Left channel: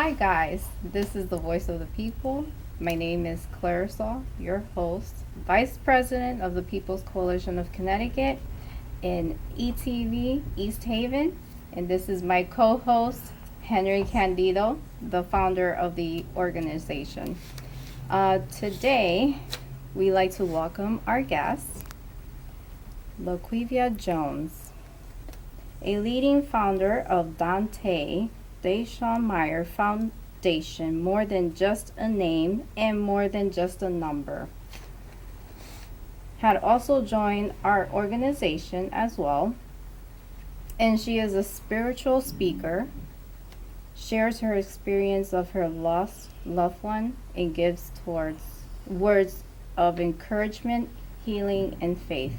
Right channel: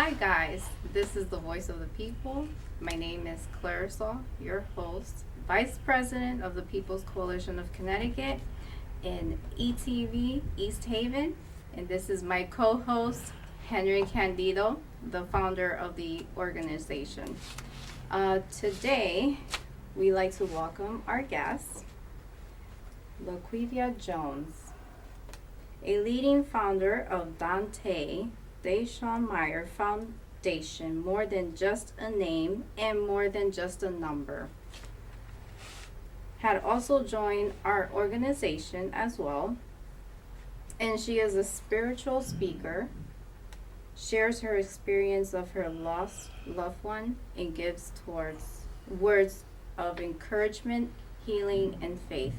Hi guys, this is the Voice of the People. My name is Clarissa, your host, Vice President of the People's Coalition of Connecticut in ETV, East Haven. And this is my co-host, Henry Candido, the founder of the organization. Today, we like to welcome our guest, LaQuvia Jones, a leading founder of Dante Deshawn Meyer Foundation, more than just a name and more than just a number. Had also joined our organization as well, and she is a spiritual speaker, shares her experience of her lost loved one, and gives towards words of encouragement, healing, and faith.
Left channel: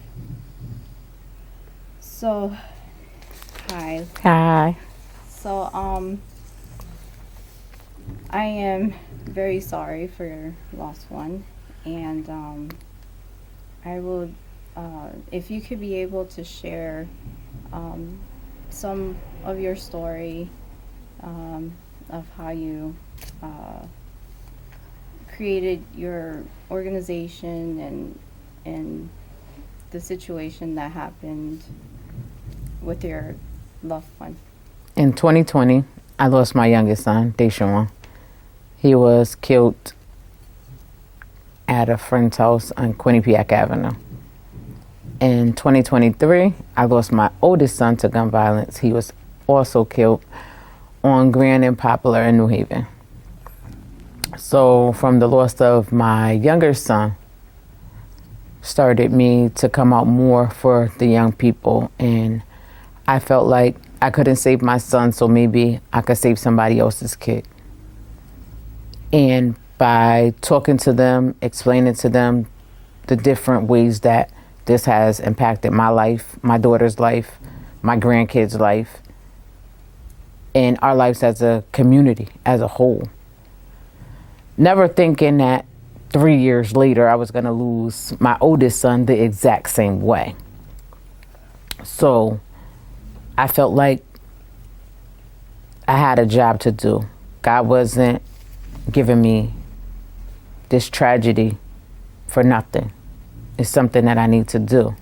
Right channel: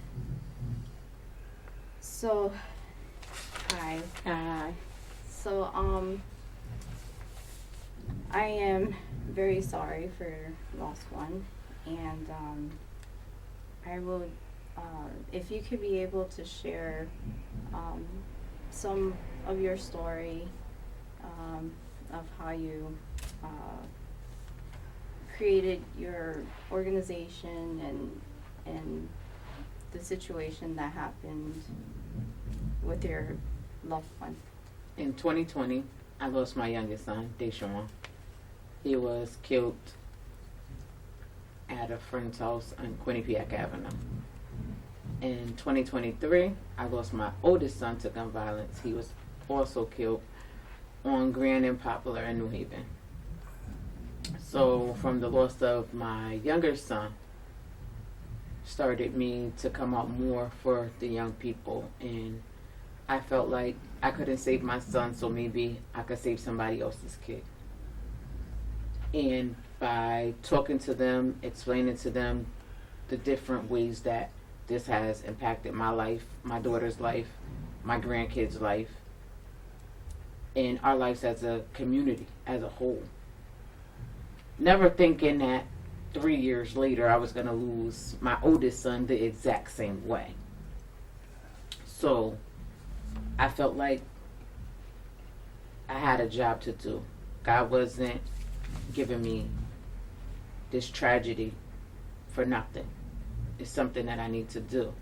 So, hi. Hi. So, I am very sorry for your lost one, and I would, if you could be able to share some of your story of how you created your organization and the situation that happened with your loved one. In 2020, I lost my youngest son, Deshawn. He was killed at a friend's house on Quinnipiac Avenue. In 2023, I lost my oldest son to gun violence. He was also killed on Grand and Poplar in New Haven. So from the loss of my younger son, started me to come out more for the young people, and I felt like I couldn't save my son, so maybe I could save somebody else's kid. And by talking to them, explaining to them the different ways that this has impacted my life, my daughter's life, my grandkids' life, and our lives as a community, as a whole. Never thinking that 3 years later I was going to lose my oldest son the exact same way. So I felt like I had a job to do. God wasn't giving me this tragedy for nothing. It's something that I need to do.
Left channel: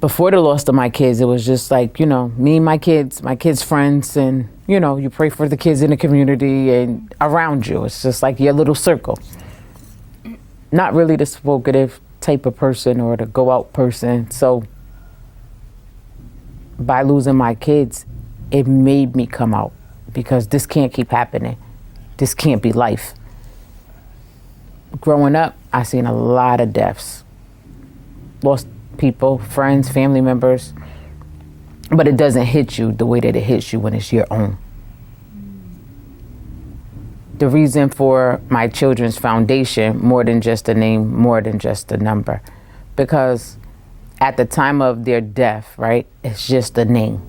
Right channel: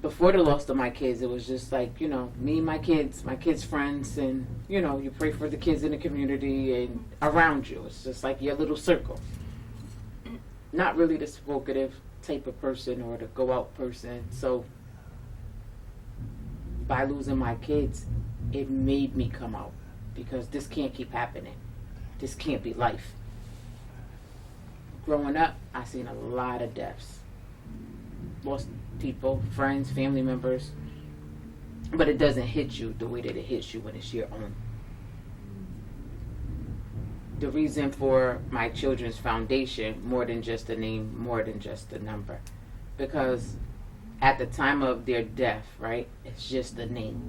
Before the loss of my kids, it was just like, me and my kids' friends, and, you pray for the kids in the community and around you. It's just like your little circle. Not really the provocative type of person or the go out person. So by losing my kids, it made me come out, because this can't keep happening. This can't be life. Growing up, I seen a lot of deaths. Lost people, friends, family members. But it doesn't hit you the way that it hits you when it's your own. The reason for my children's foundation, more than just a name, more than just a number, because at the time of their death, right, it's just a name.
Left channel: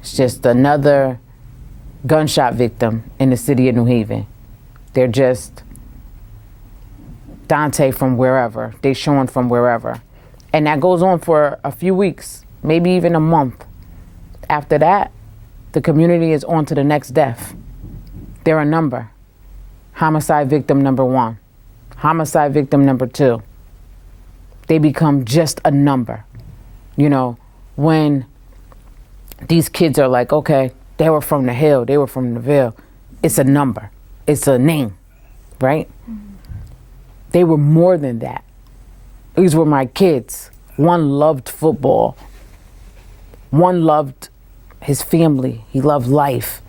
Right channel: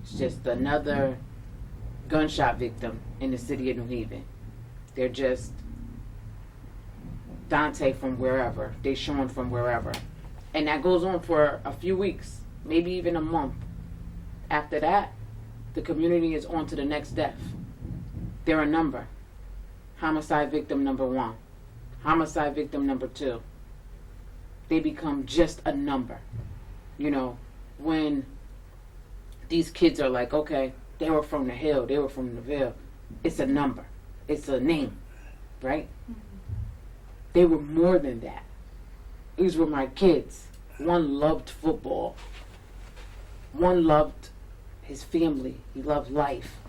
It's just another gunshot victim in the city of New Haven. They're just Dante from wherever, Deshawn from wherever. And that goes on for a few weeks, maybe even a month. After that, the community is on to the next death. They're a number. Homicide victim number 1. Homicide victim number 2. They become just a number. When these kids are like, okay, they were from the Hill, they were from the Ville. It's a number. It's a name, right? Mm-hmm. They were more than that. These were my kids. One loved football. One loved his family. He loved life.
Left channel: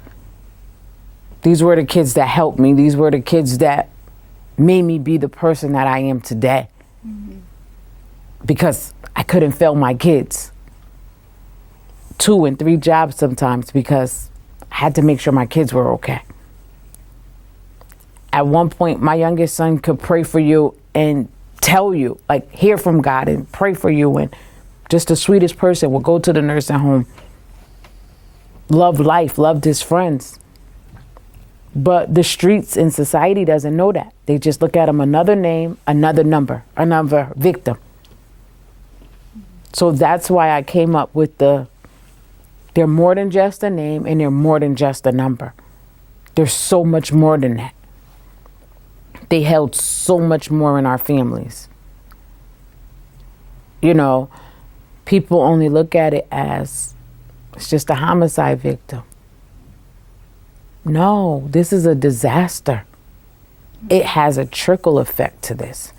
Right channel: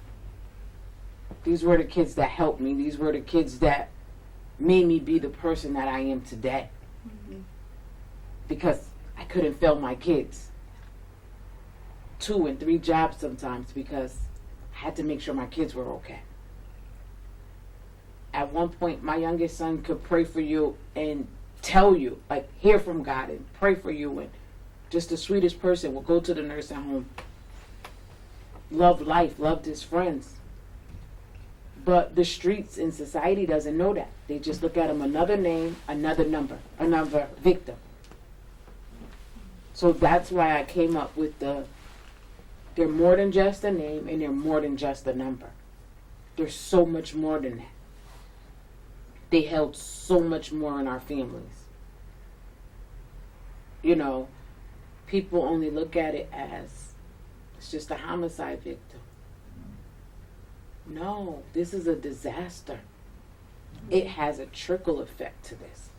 These were the kids that helped me. These were the kids that made me be the person that I am today. Mm-hmm. Because I couldn't fail my kids. 2 and 3 jobs sometimes, because I had to make sure my kids were okay. At one point, my youngest son could pray for you and tell you, like, hear from God and pray for you, and just the sweetest person would go to the nursing home, loved life, loved his friends. But the streets and society doesn't know that. They just look at him, another name, another number, another victim. So that's why I came up with they're more than just a name, and they're more than just a number. There's so much more than that. They held so much more in our families. You know, people only look at it as it's just a homicide victim. No, this is a disaster. It has a trickle effect to this.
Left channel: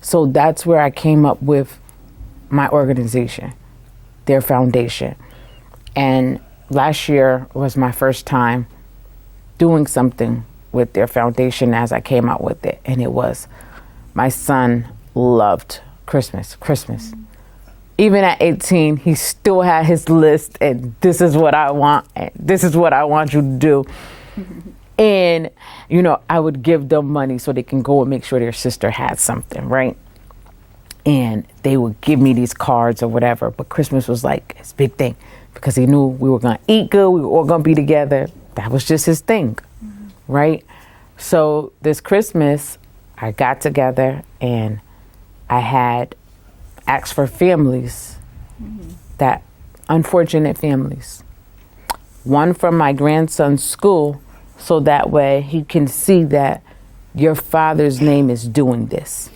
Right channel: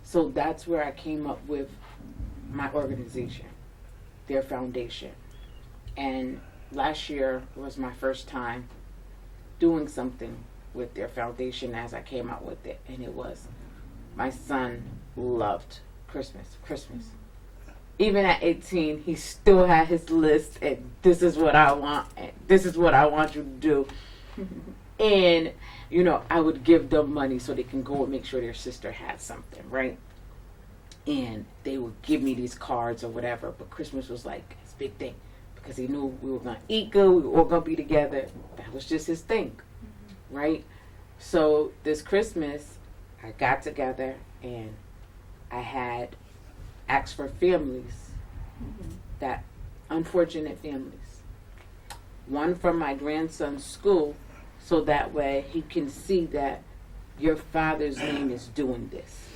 So that's where I came up with my organization, their foundation. And last year was my first time doing something with their foundation as I came out with it. And it was, my son loved Christmas. Even at 18, he still had his list, and this is what I want, and this is what I want you to do. And, you know, I would give them money so they can go and make sure their sister had something, right? And they would give me these cards or whatever. But Christmas was like his big thing because he knew we were going to eat good, we were all going to be together. That was just his thing, right? So this Christmas, I got together and I had asked for families, that unfortunate families. One from my grandson's school, so that way he can see that your father's name is doing this.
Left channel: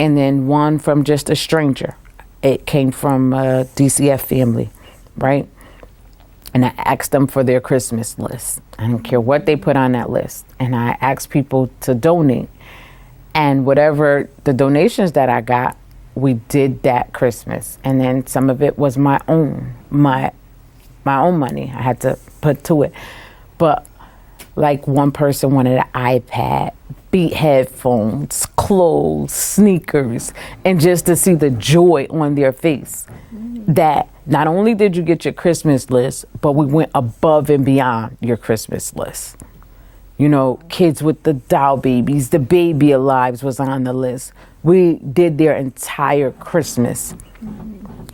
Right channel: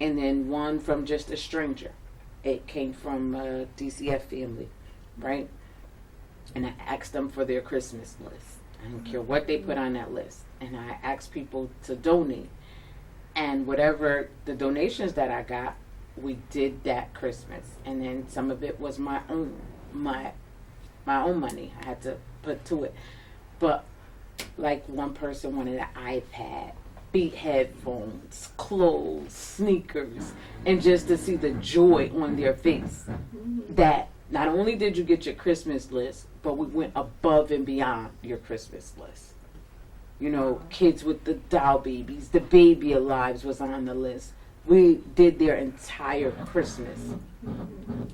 And then one from just a stranger. It came from a DCF family, right? And I asked them for their Christmas list. I don't care what they put on that list. And I asked people to donate. And whatever the donations that I got, we did that Christmas. And then some of it was my own money I had to put to it. But like one person wanted an iPad, Beat headphones, clothes, sneakers, and just to see the joy on their face that not only did you get your Christmas list, but we went above and beyond your Christmas list. You know, kids with the doll babies, the baby alives was on the list. We did their entire Christmas.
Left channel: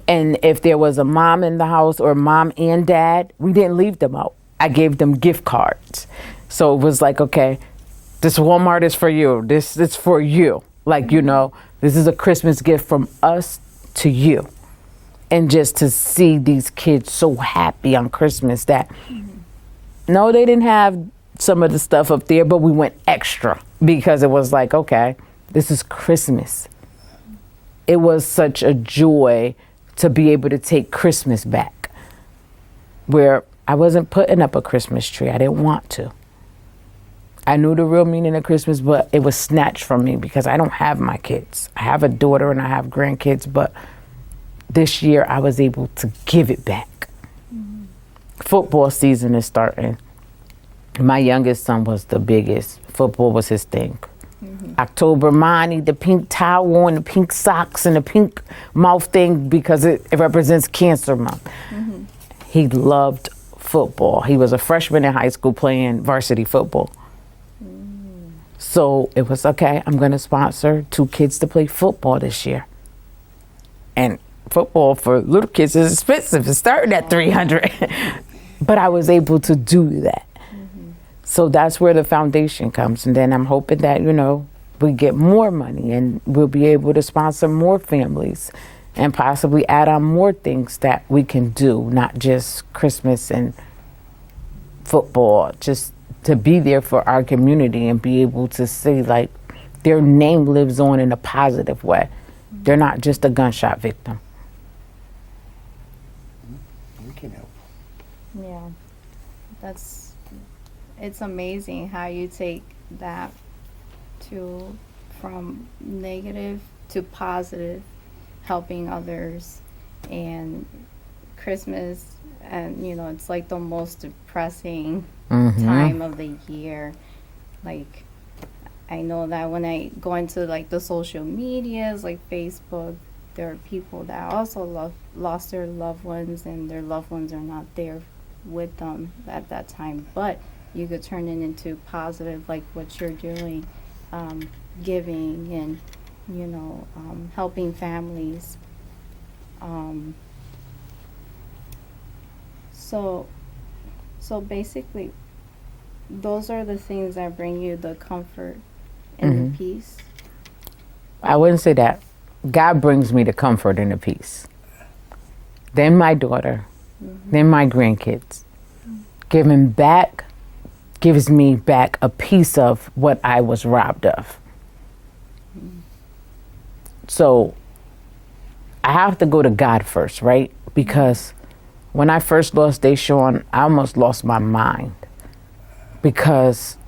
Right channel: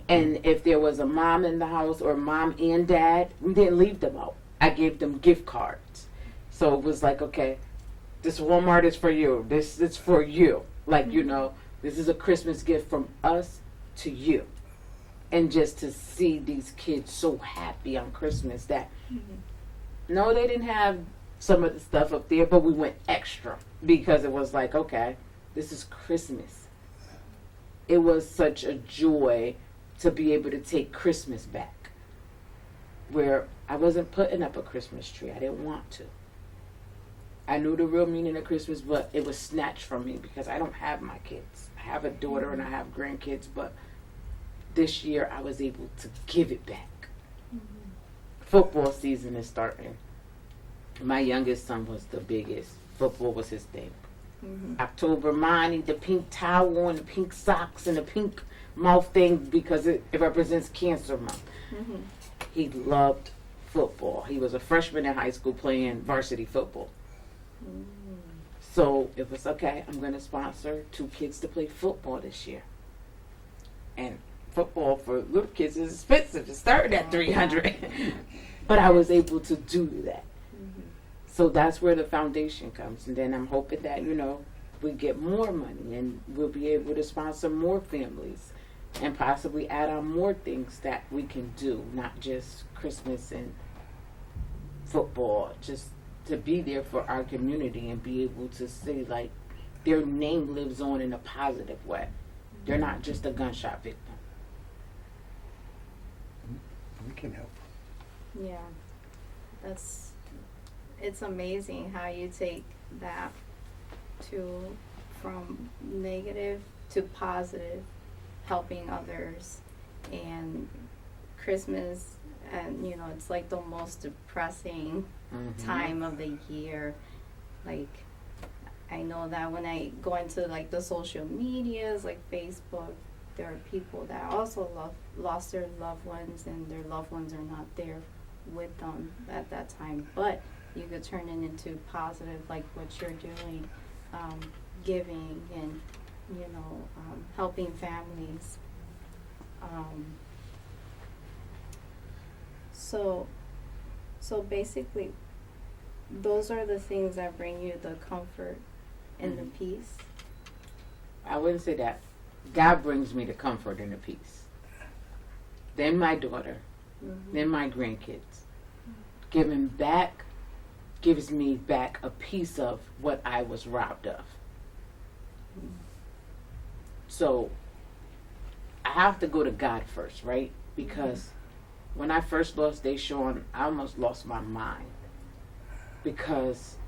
And if there was a mom in the house or mom and dad, we didn't leave them out. I gave them gift cards. So it was like, okay, this Walmart is for you. This is for you. Like, you know, this is a Christmas gift from us to you. And just to see these kids so happy on Christmas that, no, they didn't have some of the stuff up there, but we went extra because it was like, okay, this is Christmas. It was such a joy to be able to take Christmas back, where I wasn't putting up a Christmas tree. I didn't want to. I knew the real meaning of Christmas, but it was snatched from me because I don't have my kids. I have a daughter and I have grandkids, but this year I was able to give it back. Football season is starting. My youngest son was the biggest. Football was his thing. October, Monty, the pink towel and the pink socks and the pink mouth thing because it represents Cancer Month. He loved football. He was a freshman in high school playing varsity football. So it was, okay, I'm going to sponsor 2 kids to play football this year. And football for little kids is expensive. It's starting at $300. But I was able to do that. So that's where the foundation comes. And then I'm hoping that, you know, we get more money and we'll be able to sponsor more families and possibly add on more things that we can do, not just Christmas and football, just to be there for our community and be able to see like their name lives on in a positive way. They're not just a gunshot victim. We can help. Yeah, it's amazing how you take that from negative to positive, helping others. And Christmas, and you know, it's like the most depressing time of the year. Like, I know that when I go into like the social medias, like Facebook, there are people that also lost their loved ones, and their loved ones are not there with them at that time. But you could turn it into positive, like what you're doing, giving and, you know, helping families. So basically, those are the things that bring you the comfort and the peace. I wouldn't say that. God brings me the comfort and the peace. Then my daughter, then my grandkids. Giving back, gives me back a piece of what I was robbed of. So I have to go to God first, right? Because when I first lost Deshaun, I almost lost my mind because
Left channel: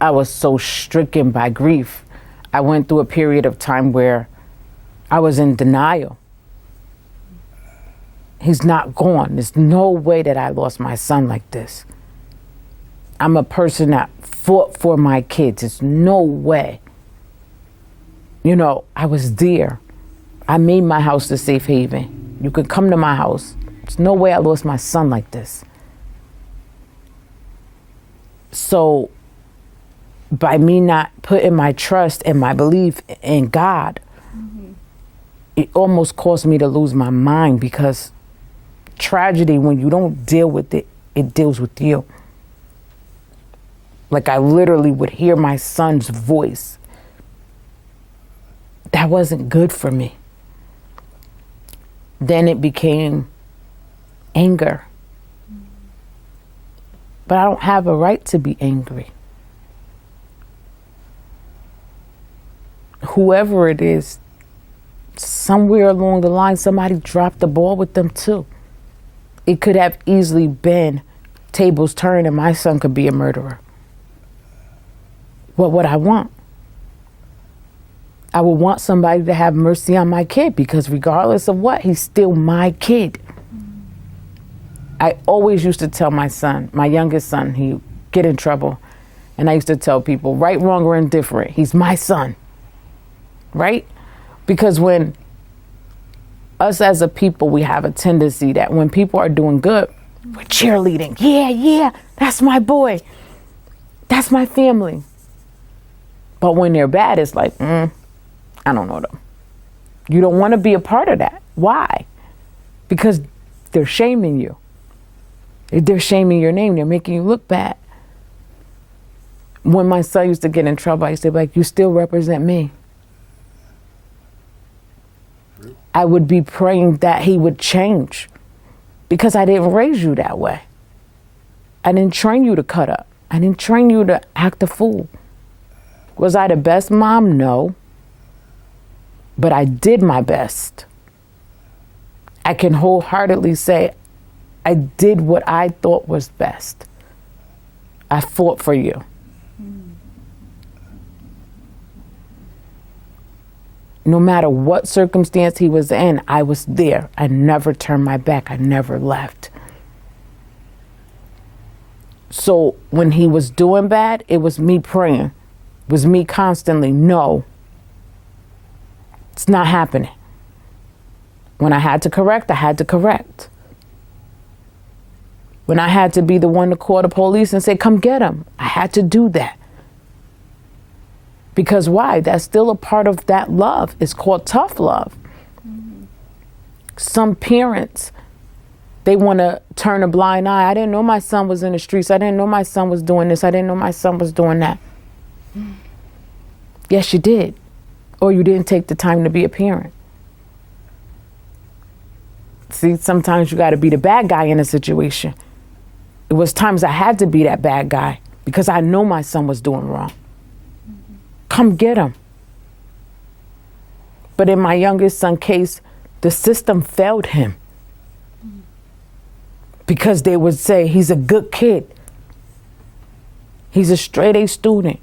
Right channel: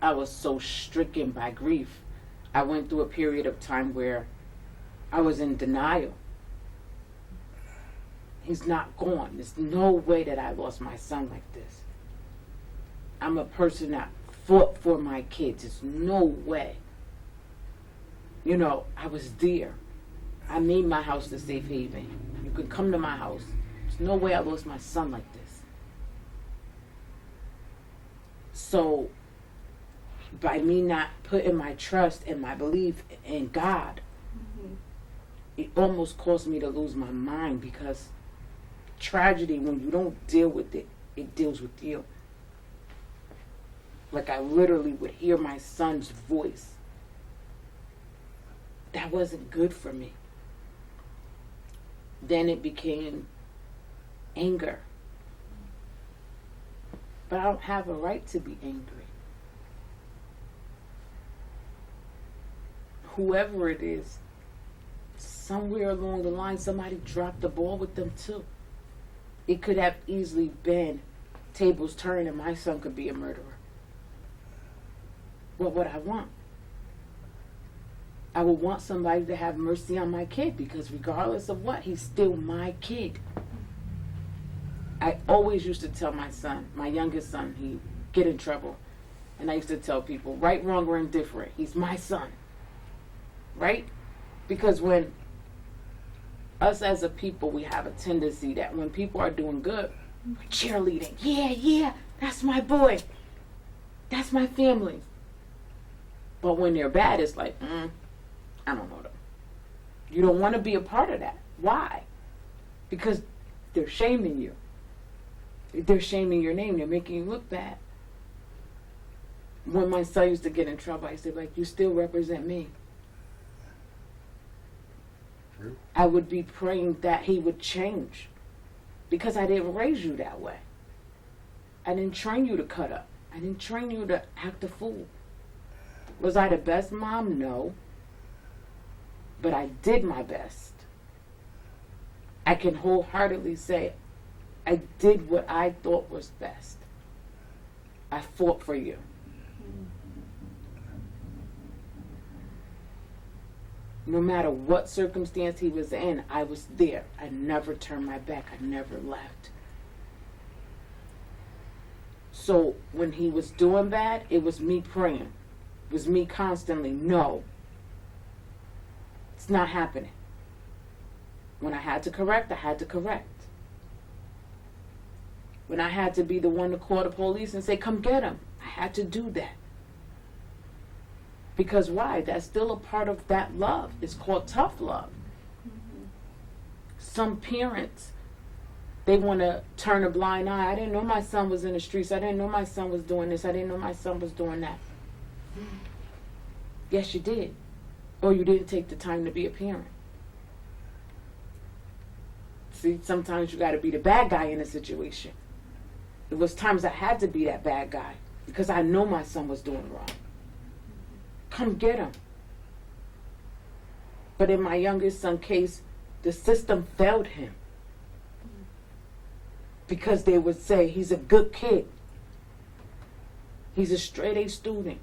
I was so stricken by grief. I went through a period of time where I was in denial. He's not gone. There's no way that I lost my son like this. I'm a person that fought for my kids. There's no way. You know, I was there. I made my house a safe haven. You could come to my house. There's no way I lost my son like this. So, by me not putting my trust and my belief in God, it almost caused me to lose my mind, because tragedy, when you don't deal with it, it deals with you. Like, I literally would hear my son's voice. That wasn't good for me. Then it became anger. But I don't have a right to be angry. Whoever it is, somewhere along the line, somebody dropped the ball with them too. It could have easily been tables turned and my son could be a murderer. What would I want? I would want somebody to have mercy on my kid, because regardless of what, he's still my kid. I always used to tell my son, my youngest son, he'd get in trouble. And I used to tell people, right, wrong, or indifferent, he's my son. Right? Because when us as a people, we have a tendency that when people are doing good, we're cheerleading. Yeah, that's my boy. That's my family. But when they're bad, it's like, I don't know them. You don't want to be a part of that. Why? Because they're shaming you. They're shaming your name. They're making you look bad. When my son used to get in trouble, I used to be like, you still represent me. I would be praying that he would change, because I didn't raise you that way. I didn't train you to cut up. I didn't train you to act a fool. Was I the best mom? No. But I did my best. I can wholeheartedly say I did what I thought was best. I fought for you. No matter what circumstance he was in, I was there. I never turned my back. I never left. So when he was doing bad, it was me praying. It was me constantly, no, it's not happening. When I had to correct, I had to correct. When I had to be the one to call the police and say, come get him, I had to do that. Because why? That's still a part of that love. It's called tough love. Some parents, they want to turn a blind eye. I didn't know my son was in the streets. I didn't know my son was doing this. I didn't know my son was doing that. Yes, you did. Or you didn't take the time to be a parent. See, sometimes you got to be the bad guy in a situation. It was times I had to be that bad guy because I know my son was doing wrong. Come get him. But in my youngest son's case, the system failed him. Because they would say, he's a good kid. He's a straight A student.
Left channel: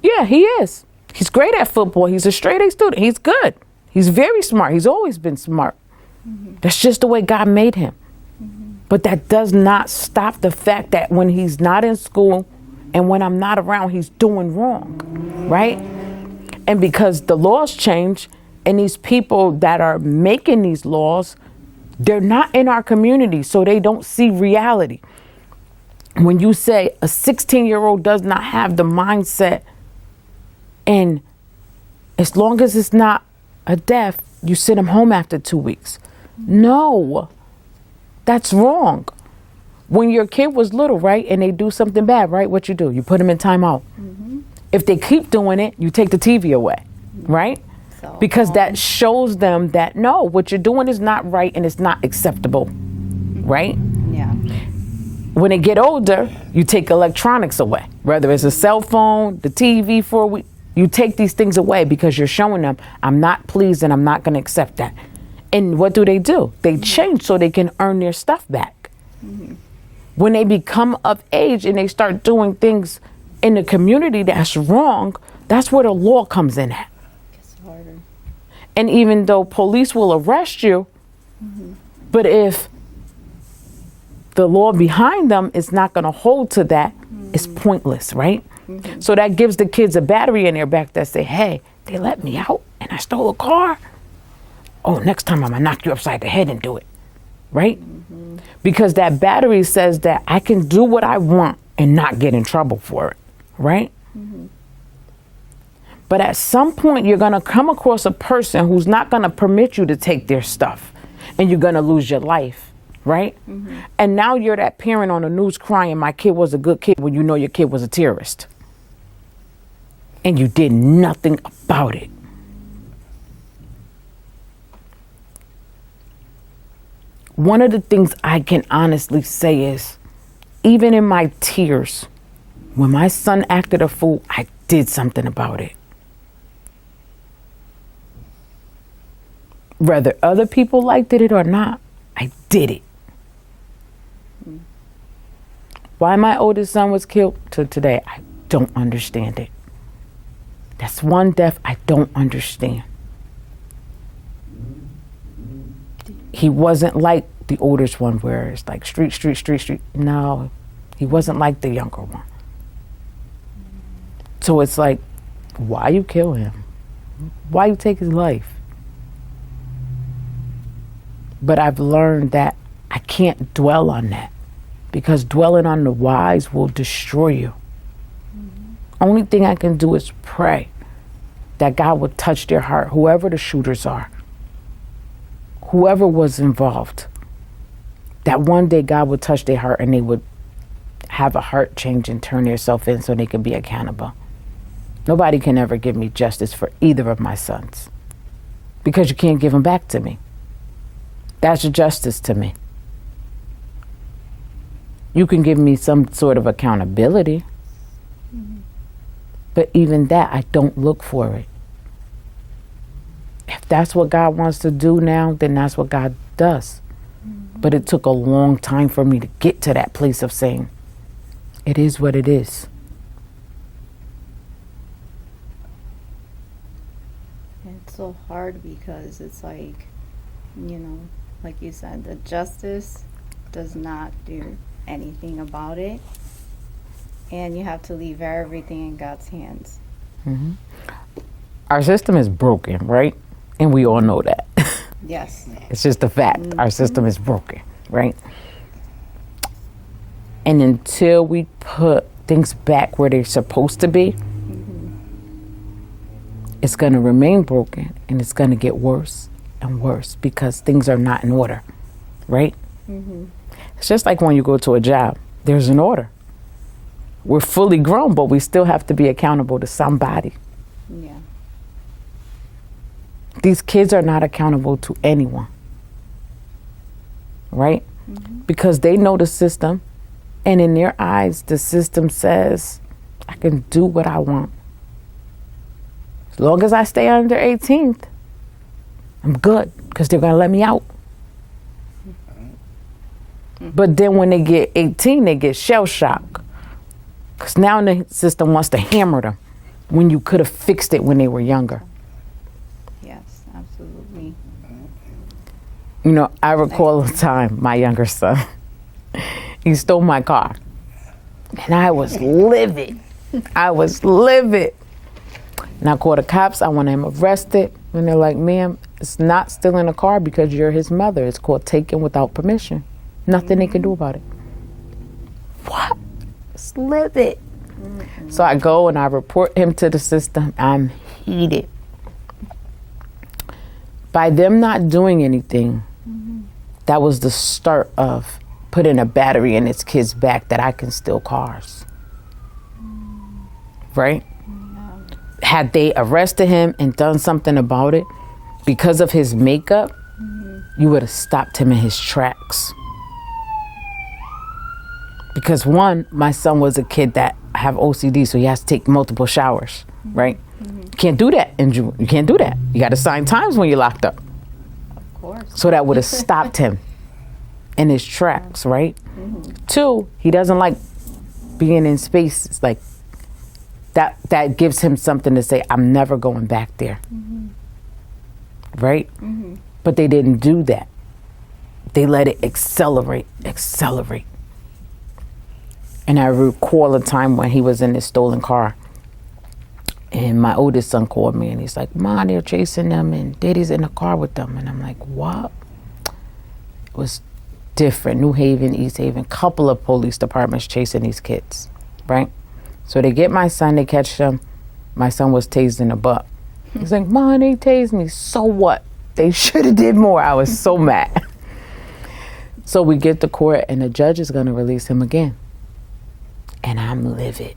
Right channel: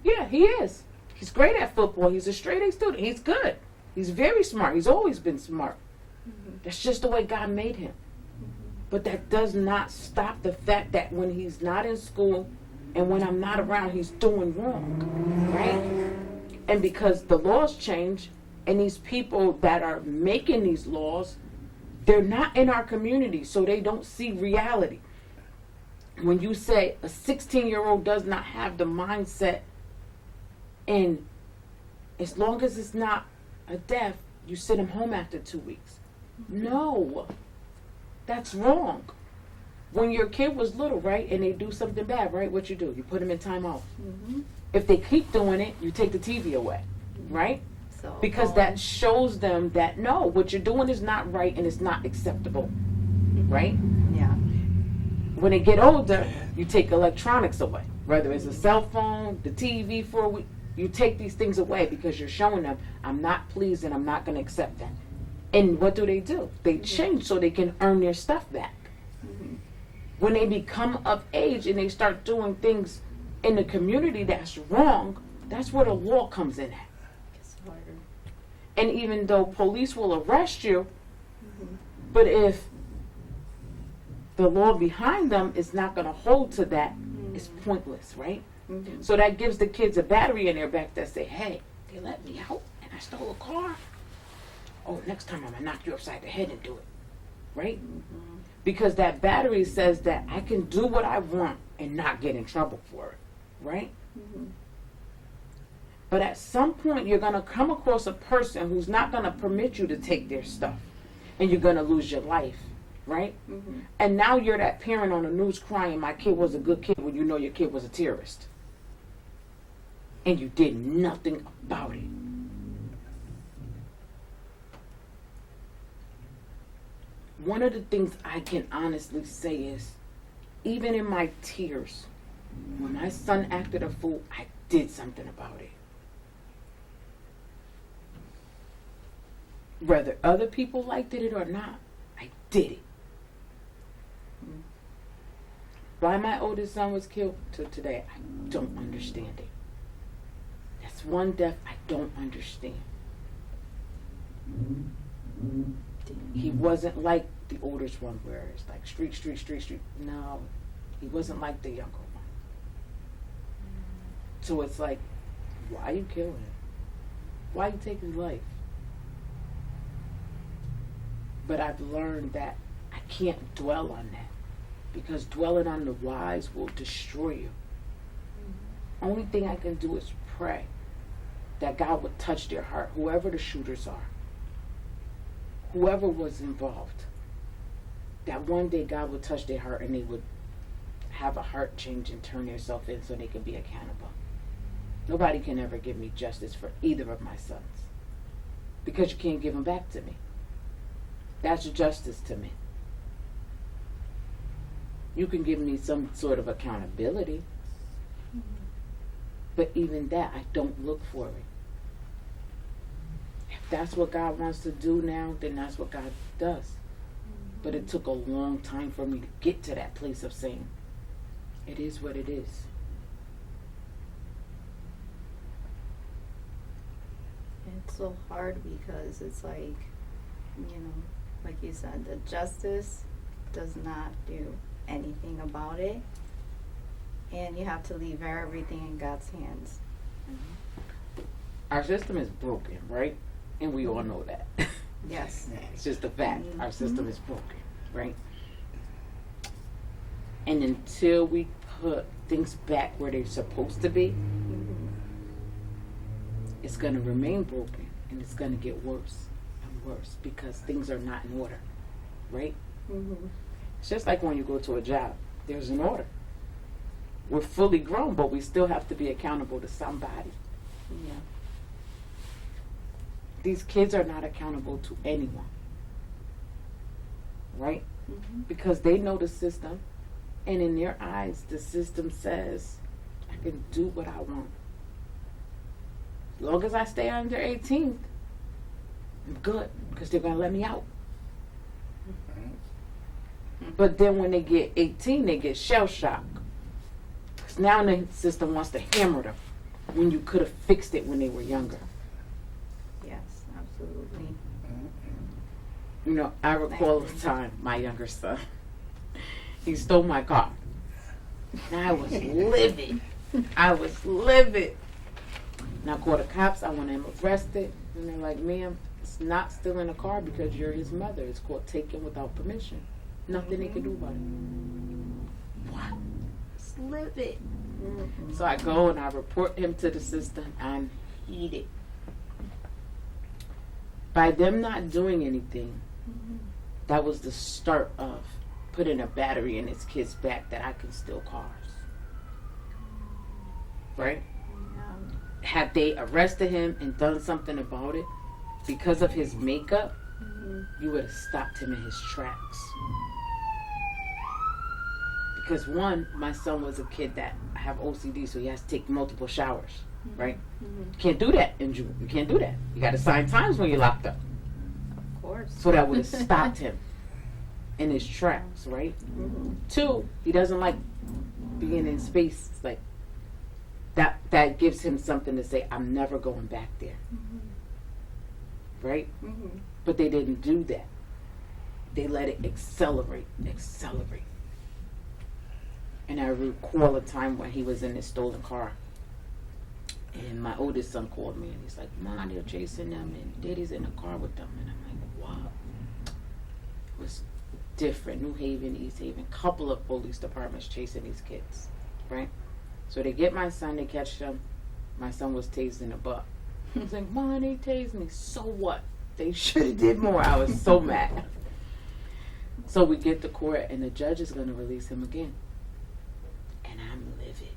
Yeah, he is. He's great at football. He's a straight A student. He's good. He's very smart. He's always been smart. That's just the way God made him. But that does not stop the fact that when he's not in school and when I'm not around, he's doing wrong, right? And because the laws change and these people that are making these laws, they're not in our community, so they don't see reality. When you say a 16-year-old does not have the mindset, and as long as it's not a death, you send them home after 2 weeks. No, that's wrong. When your kid was little, right, and they do something bad, right, what you do? You put them in timeout. If they keep doing it, you take the TV away, right? So, because that shows them that, no, what you're doing is not right and it's not acceptable, right? Yeah. when they get older, you take electronics away, whether it's a cell phone, the TV for a week. You take these things away because you're showing them, I'm not pleased and I'm not going to accept that. And what do? They change so they can earn their stuff back. When they become of age and they start doing things in the community that's wrong, that's where the law comes in at. It's harder. And even though police will arrest you, but if the law behind them is not going to hold to that, it's pointless, right? So that gives the kids a battery in their back that say, hey, they let me out and I stole a car. Oh, next time I'm going to knock you upside the head and do it, right? Because that battery says that I can do what I want and not get in trouble for it, right? But at some point, you're going to come across a person who's not going to permit you to take their stuff, and you're going to lose your life, right? And now you're that parent on the news crying, my kid was a good kid, when you know your kid was a terrorist. And you did nothing about it. One of the things I can honestly say is, even in my tears, when my son acted a fool, I did something about it. Whether other people liked it or not, I did it. Why my oldest son was killed to today, I don't understand it. That's one death I don't understand. He wasn't like the oldest one where it's like street. No, he wasn't like the younger one. So it's like, why you kill him? Why you take his life? But I've learned that I can't dwell on that, because dwelling on the whys will destroy you. Only thing I can do is pray that God would touch their heart, whoever the shooters are, whoever was involved, that one day God would touch their heart and they would have a heart change and turn themselves in so they can be accountable. Nobody can ever give me justice for either of my sons, because you can't give them back to me. That's justice to me. You can give me some sort of accountability, but even that, I don't look for it. If that's what God wants to do now, then that's what God does. But it took a long time for me to get to that place of saying, it is what it is. It's so hard because it's like, like you said, the justice does not do anything about it. And you have to leave everything in God's hands. Our system is broken, right? And we all know that. Yes. It's just a fact. Our system is broken, right? And until we put things back where they're supposed to be, it's going to remain broken, and it's going to get worse and worse because things are not in order, right? It's just like when you go to a job, there's an order. We're fully grown, but we still have to be accountable to somebody. Yeah. These kids are not accountable to anyone, right? Because they know the system, and in their eyes, the system says, I can do what I want. As long as I stay under 18th, I'm good, because they're going to let me out. But then when they get 18, they get shell shock. Because now the system wants to hammer them when you could have fixed it when they were younger. Yes, absolutely. I recall a time, my younger son, he stole my car. And I was livid. And I called the cops. I wanted him arrested. And they're like, ma'am, it's not stealing a car because you're his mother. It's called taking without permission. Nothing they can do about it. What? It's livid. So I go and I report him to the system. I'm heated. By them not doing anything, that was the start of putting a battery in its kid's back that I can steal cars. Right? Had they arrested him and done something about it, because of his makeup, you would have stopped him in his tracks. Because one, my son was a kid that have OCD, so he has to take multiple showers, right? You can't do that in June. You can't do that. You got to sign times when you're locked up. Of course. So that would have stopped him in his tracks, right? Two, he doesn't like being in spaces like that. That gives him something to say, I'm never going back there. Right? But they didn't do that. They let it accelerate. And I recall a time when he was in his stolen car. And my oldest son called me and he's like, "Ma, they're chasing them and Daddy's in the car with them." And I'm like, "What?" It was different. New Haven, East Haven, couple of police departments chasing these kids, right? So they get my son, they catch him. My son was tased in the butt. He's like, "Ma, they tased me." So what? They should have did more. I was so mad. So we get to court and the judge is going to release him again. And I'm livid.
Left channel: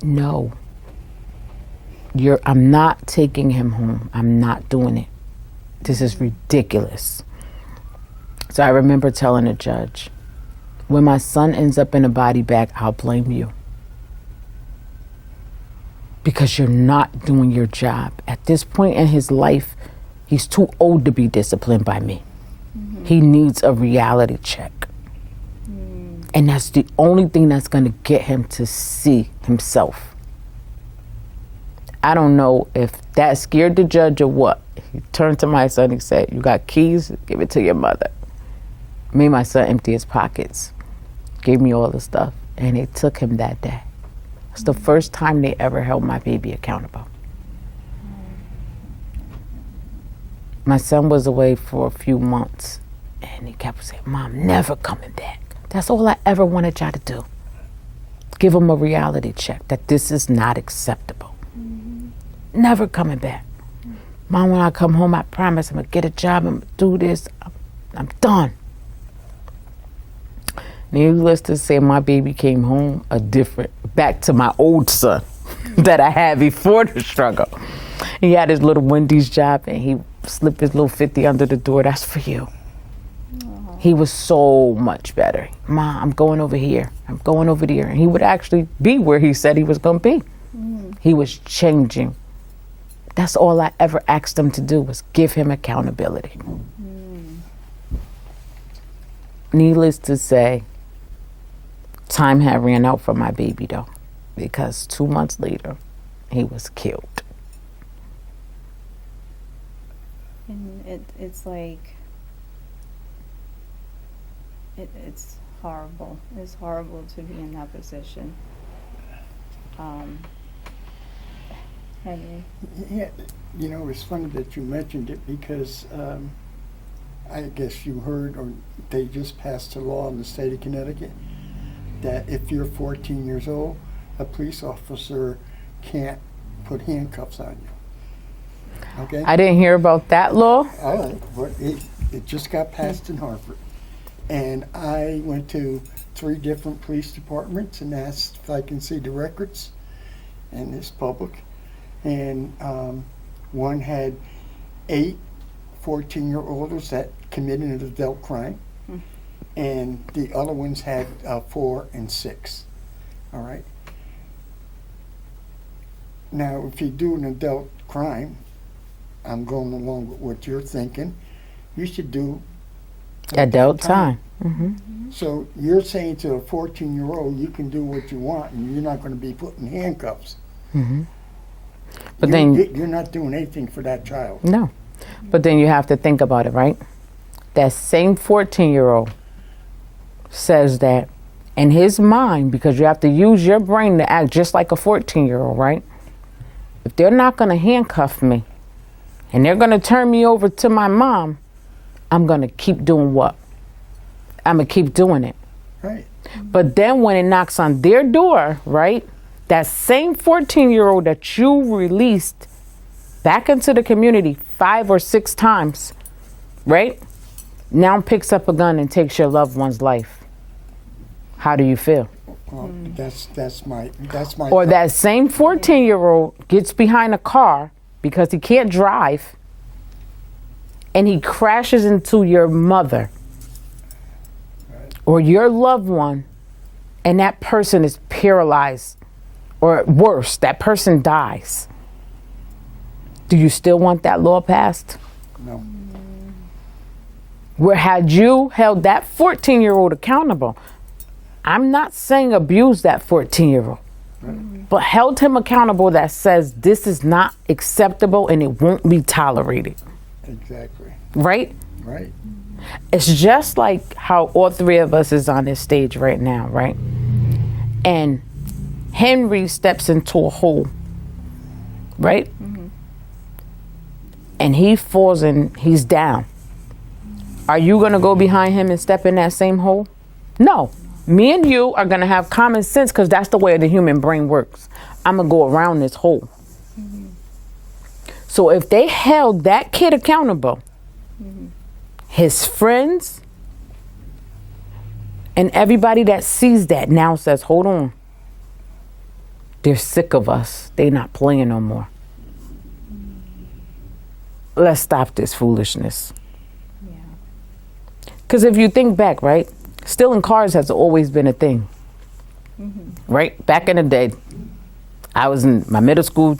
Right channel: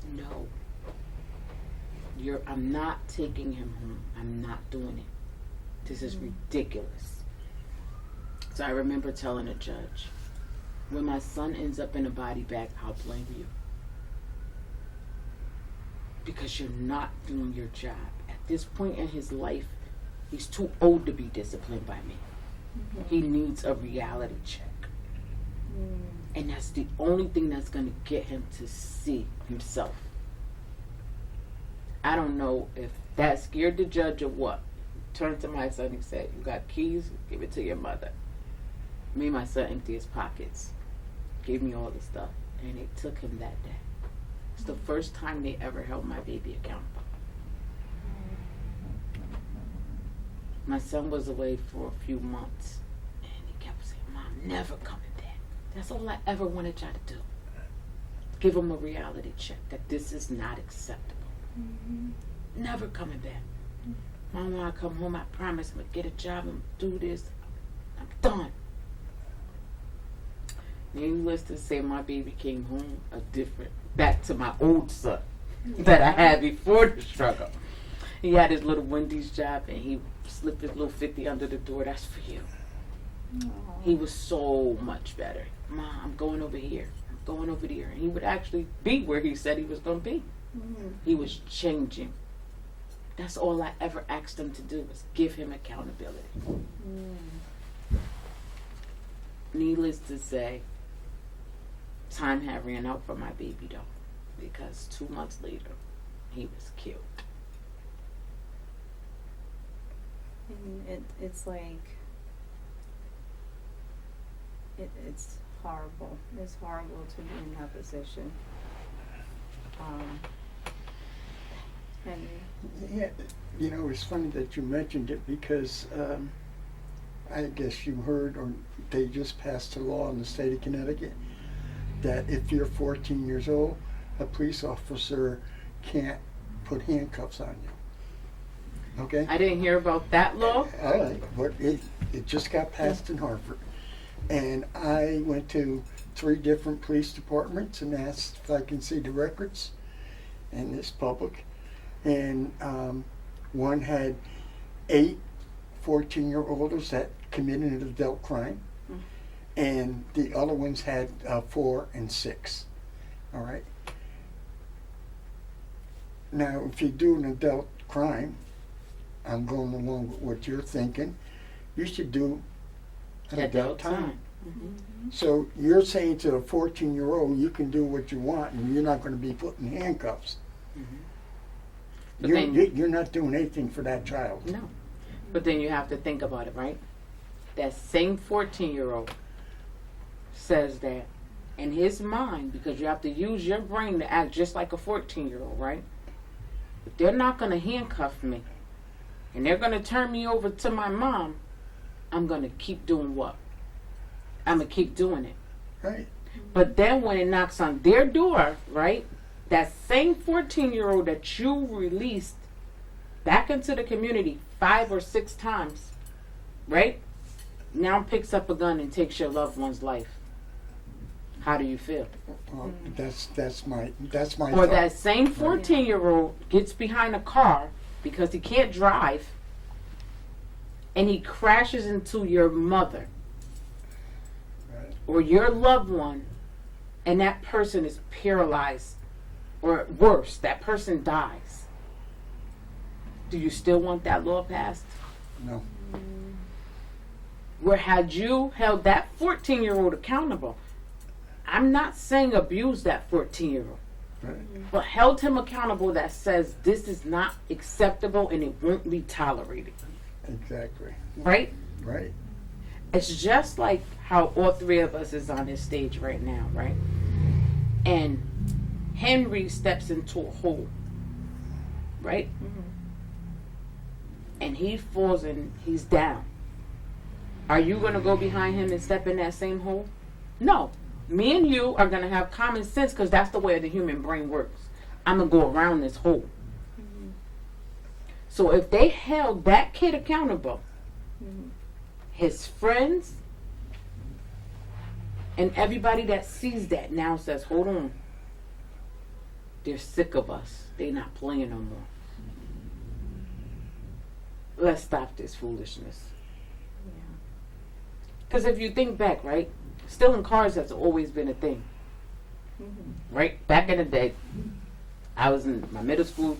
No. I'm not taking him home. I'm not doing it. This is ridiculous. So I remember telling the judge, when my son ends up in a body bag, I'll blame you. Because you're not doing your job. At this point in his life, he's too old to be disciplined by me. He needs a reality check. And that's the only thing that's going to get him to see himself. I don't know if that scared the judge or what. He turned to my son, he said, "You got keys? Give it to your mother." Made my son empty his pockets. Gave me all the stuff. And they took him that day. It's the first time they ever held my baby accountable. My son was away for a few months. And he kept saying, "Mom, never coming back." That's all I ever wanted y'all to do. Give him a reality check that this is not acceptable. Never coming back. "Mom, when I come home, I promise I'm going to get a job. I'm going to do this. I'm done." Needless to say, my baby came home back to my old son that I had before the struggle. He had his little Wendy's job and he slipped his little 50 under the door. "That's for you." He was so much better. "Ma, I'm going over here. I'm going over there." And he would actually be where he said he was going to be. He was changing. That's all I ever asked him to do, was give him accountability. Needless to say, time had ran out for my baby though, because 2 months later, he was killed. And it's like, it's horrible. It's horrible to be in that position. Henry. Yeah, you know, it's funny that you mentioned it because I guess you heard, or they just passed a law in the state of Connecticut that if you're 14 years old, a police officer can't put handcuffs on you. Okay? I didn't hear about that law. All right, but it just got passed in Hartford. And I went to 3 different police departments and asked if I can see the records, and it's public. And one had 8 14-year-olds that committed an adult crime, and the other ones had 4 and 6. All right. Now, if you do an adult crime, I'm going along with what you're thinking, you should do Adult time. So you're saying to a 14-year-old, you can do what you want, and you're not going to be put in handcuffs. But then you're not doing anything for that child. no. But then you have to think about it, right? That same 14-year-old says that in his mind, because you have to use your brain to act just like a 14-year-old, right? If they're not going to handcuff me and they're going to turn me over to my mom, I'm going to keep doing what? I'm going to keep doing it. Right. But then when it knocks on their door, right? That same 14-year-old that you released back into the community 5 or 6 times, right? Now picks up a gun and takes your loved one's life. How do you feel? That's my. Or that same 14-year-old gets behind a car because he can't drive and he crashes into your mother or your loved one, and that person is paralyzed, or worse, that person dies, do you still want that law passed? No. Where had you held that 14-year-old accountable, I'm not saying abuse that 14-year-old, but held him accountable that says this is not acceptable and it won't be tolerated. Exactly. Right? Right. It's just like how all three of us is on this stage right now, right? And Henry steps into a hole, right? And he falls and he's down. Are you gonna go behind him and step in that same hole? No. Me and you are gonna have common sense because that's the way the human brain works. I'm gonna go around this hole. So if they held that kid accountable, his friends and everybody that sees that now says, hold on. They're sick of us. They're not playing no more. Let's stop this foolishness. Because if you think back, right, stealing cars has always been a thing. Right? Back in the day, I was in my middle school.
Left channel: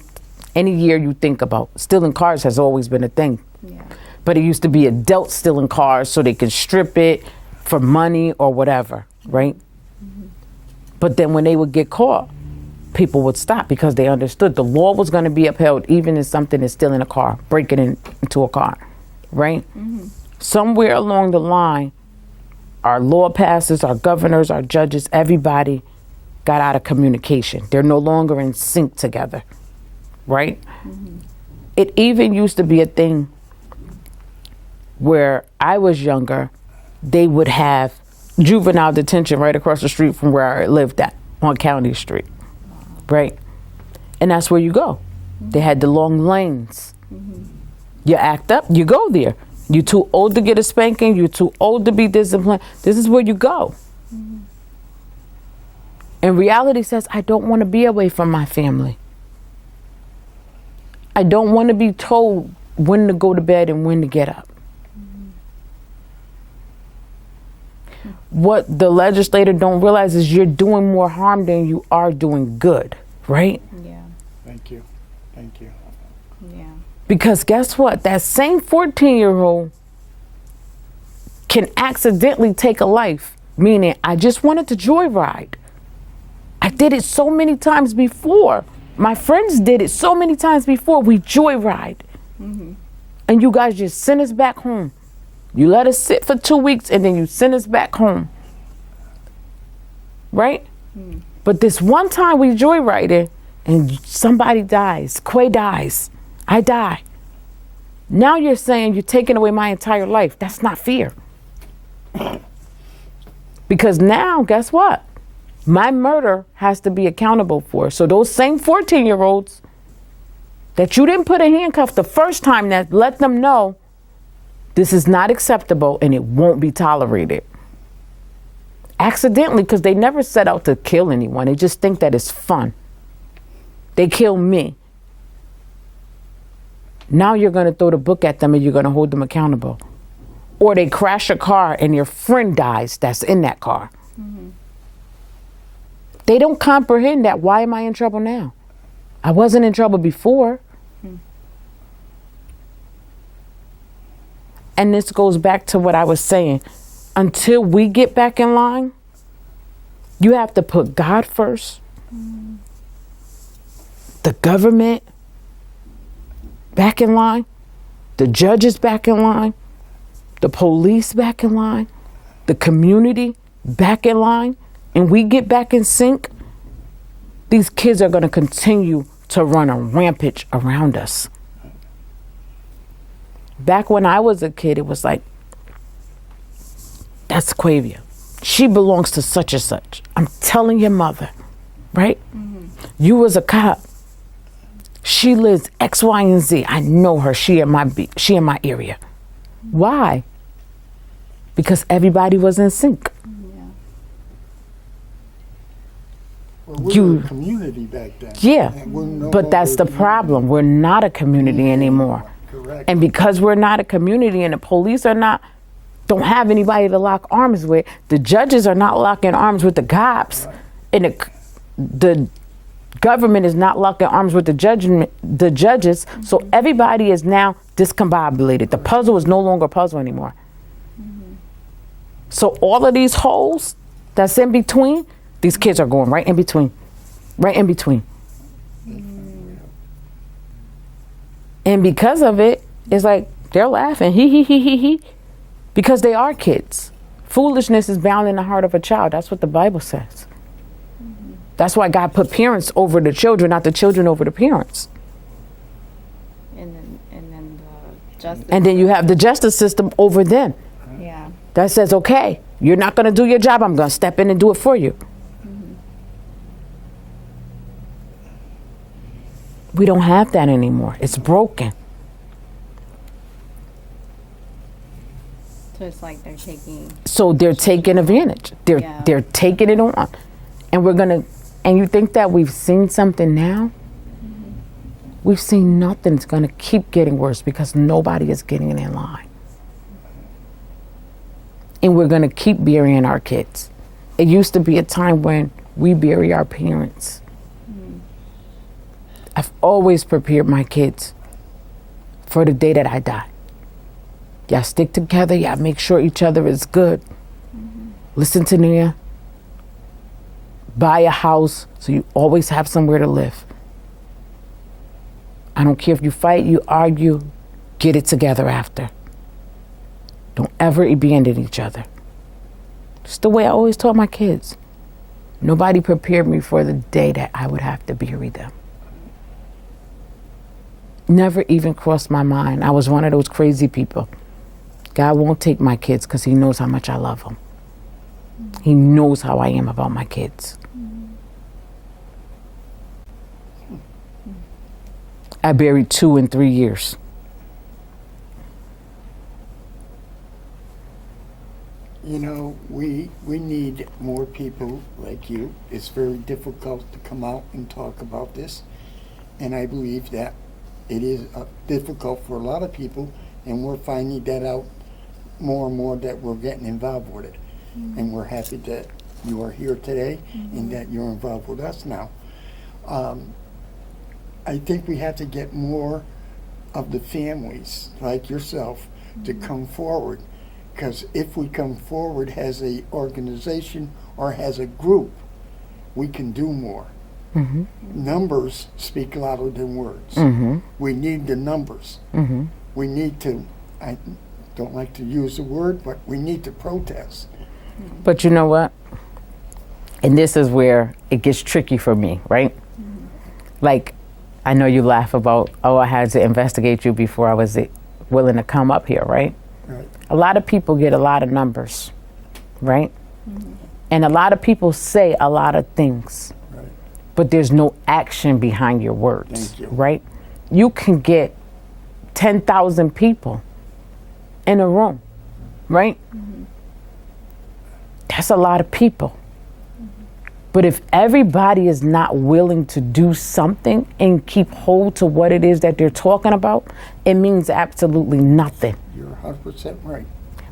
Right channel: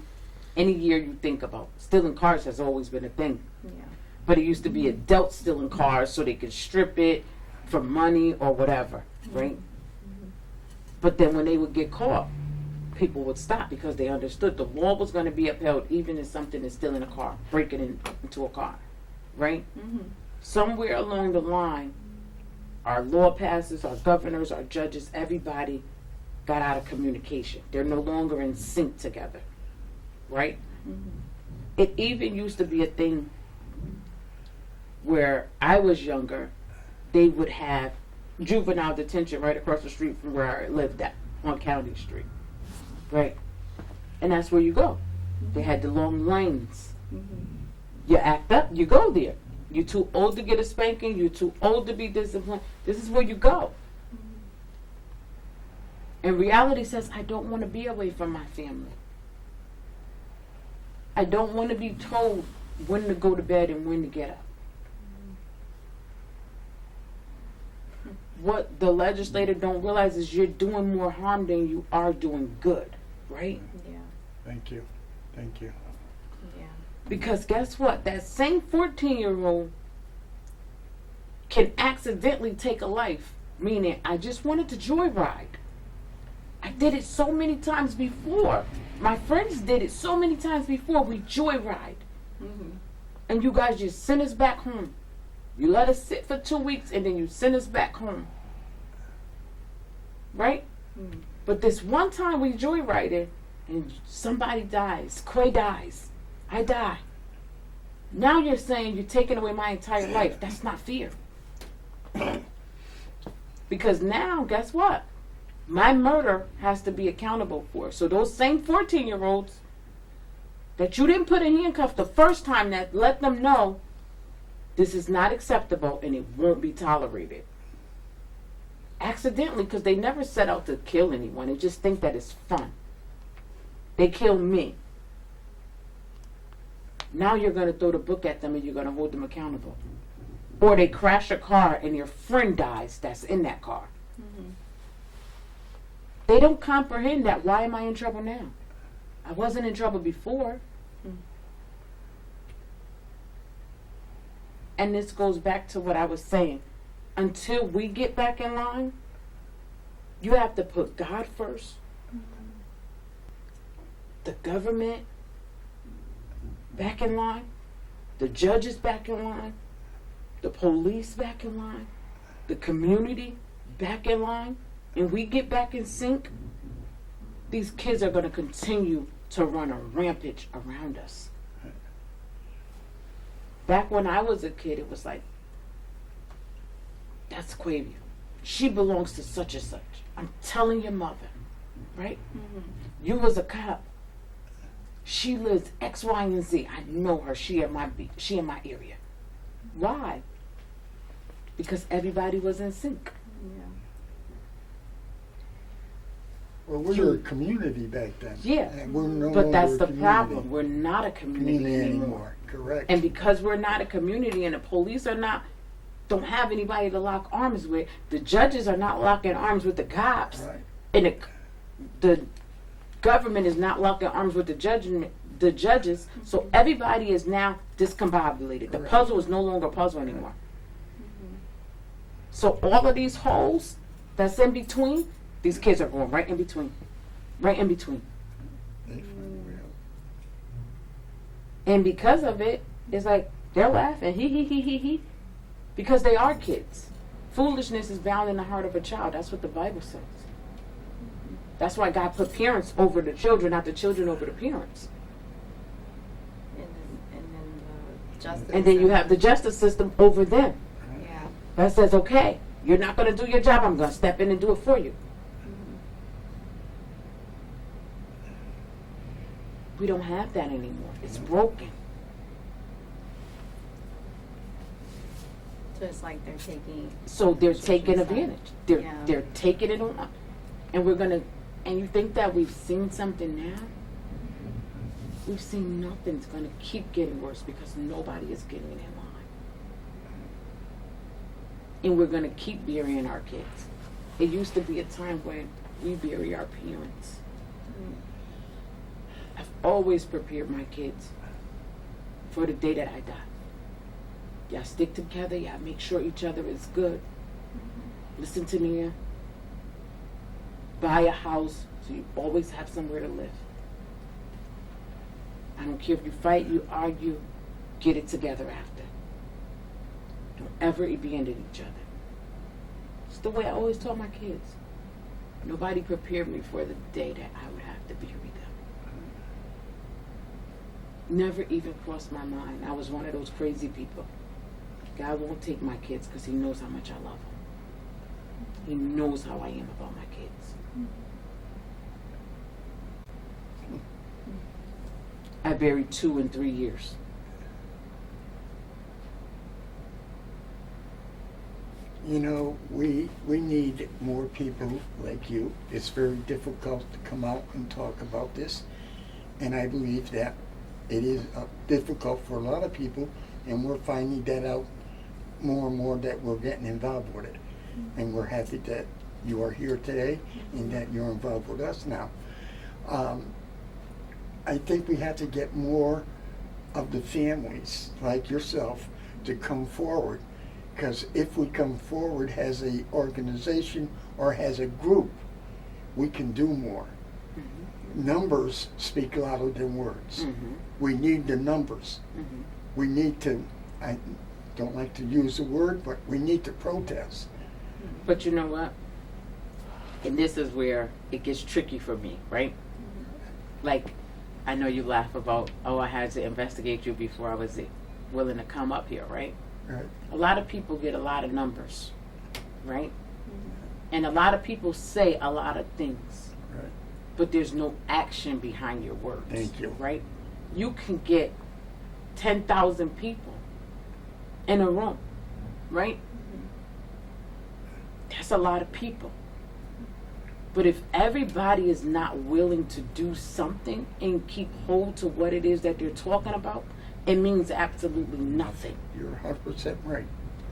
Any year you think about, stealing cars has always been a thing. Yeah. But it used to be adults stealing cars so they could strip it for money or whatever, right? But then when they would get caught, people would stop because they understood the law was going to be upheld even if something is stealing a car, breaking into a car, right? Somewhere along the line, our law passers, our governors, our judges, everybody got out of communication. They're no longer in sync together, right? It even used to be a thing where I was younger, they would have juvenile detention right across the street from where I lived at, on County Street, right? And that's where you go. They had the long lanes. You act up, you go there. You're too old to get a spanking, you're too old to be disciplined. This is where you go. And reality says, I don't want to be away from my family. I don't want to be told when to go to bed and when to get up. What the legislator don't realize is you're doing more harm than you are doing good, right? Yeah. Thank you. Thank you. Yeah. Because guess what? That same 14-year-old can accidentally take a life, meaning I just wanted to joyride. I did it so many times before. My friends did it so many times before. We joyride. And you guys just send us back home. You let us sit for 2 weeks and then you send us back home. Right? But this one time we joyrided and somebody dies. Quay dies. I die. Now you're saying you're taking away my entire life. That's not fair. Because now, guess what? My murder has to be accountable for. So those same 14-year-olds that you didn't put in handcuffs the first time, that let them know this is not acceptable and it won't be tolerated. Accidentally, because they never set out to kill anyone. They just think that it's fun. They kill me. Now you're going to throw the book at them and you're going to hold them accountable. Or they crash a car and your friend dies that's in that car. They don't comprehend that. Why am I in trouble now? I wasn't in trouble before. And this goes back to what I was saying. Until we get back in line, you have to put God first, the government back in line, the judges back in line, the police back in line, the community back in line, and we get back in sync. These kids are going to continue to run a rampage around us. Back when I was a kid, it was like, that's LaQuvia. She belongs to such and such. I'm telling your mother, right? You was a cop. She lives X, Y, and Z. I know her. She in my area. Why? Because everybody was in sync. Well, we were a community back then. Yeah, And we're no but that's longer the a problem. We're not a community anymore. Correct. And because we're not a community and the police are not don't have anybody to lock arms with. The judges are not locking arms with the cops, and the government is not locking arms with the judges. So everybody is now discombobulated. The puzzle is no longer a puzzle anymore. So all of these holes that's in between, these kids are going right in between. Right in between. And because of it, it's like they're laughing, he, because they are kids. Foolishness is bound in the heart of a child. That's what the Bible says. That's why God put parents over the children, not the children over the parents. And then the justice. And then you have the justice system over them. Yeah. That says, okay, you're not going to do your job. I'm going to step in and do it for you. We don't have that anymore. It's broken. So it's like they're taking. So they're taking advantage. They're taking it on. And you think that we've seen something now? We've seen nothing. It's going to keep getting worse because nobody is getting in line. And we're going to keep burying our kids. It used to be a time when we bury our parents. I've always prepared my kids for the day that I die. Y'all stick together. Y'all make sure each other is good. Listen to me. Buy a house so you always have somewhere to live. I don't care if you fight, you argue, get it together after. Don't ever abandon each other. It's the way I always taught my kids. Nobody prepared me for the day that I would have to bury them. Never even crossed my mind. I was one of those crazy people. God won't take my kids because he knows how much I love them. He knows how I am about my kids. I buried 2 in 3 years. You know, we need more people like you. It's very difficult to come out and talk about this. And I believe that it is difficult for a lot of people, and we're finding that out more and more that we're getting involved with it. And we're happy that you are here today and that you're involved with us now. I think we have to get more of the families like yourself to come forward, because if we come forward as a organization or as a group, we can do more. Numbers speak louder than words. We need the numbers. We need to, I don't like to use the word, but we need to protest. But you know what? And this is where it gets tricky for me, right? Like, I know you laugh about, oh, I had to investigate you before I was willing to come up here, right? Right. A lot of people get a lot of numbers, right? And a lot of people say a lot of things, but there's no action behind your words, Thank you. right? You can get 10,000 people in a room, right? That's a lot of people. But if everybody is not willing to do something and keep hold to what it is that they're talking about, it means absolutely nothing. You're 100% right.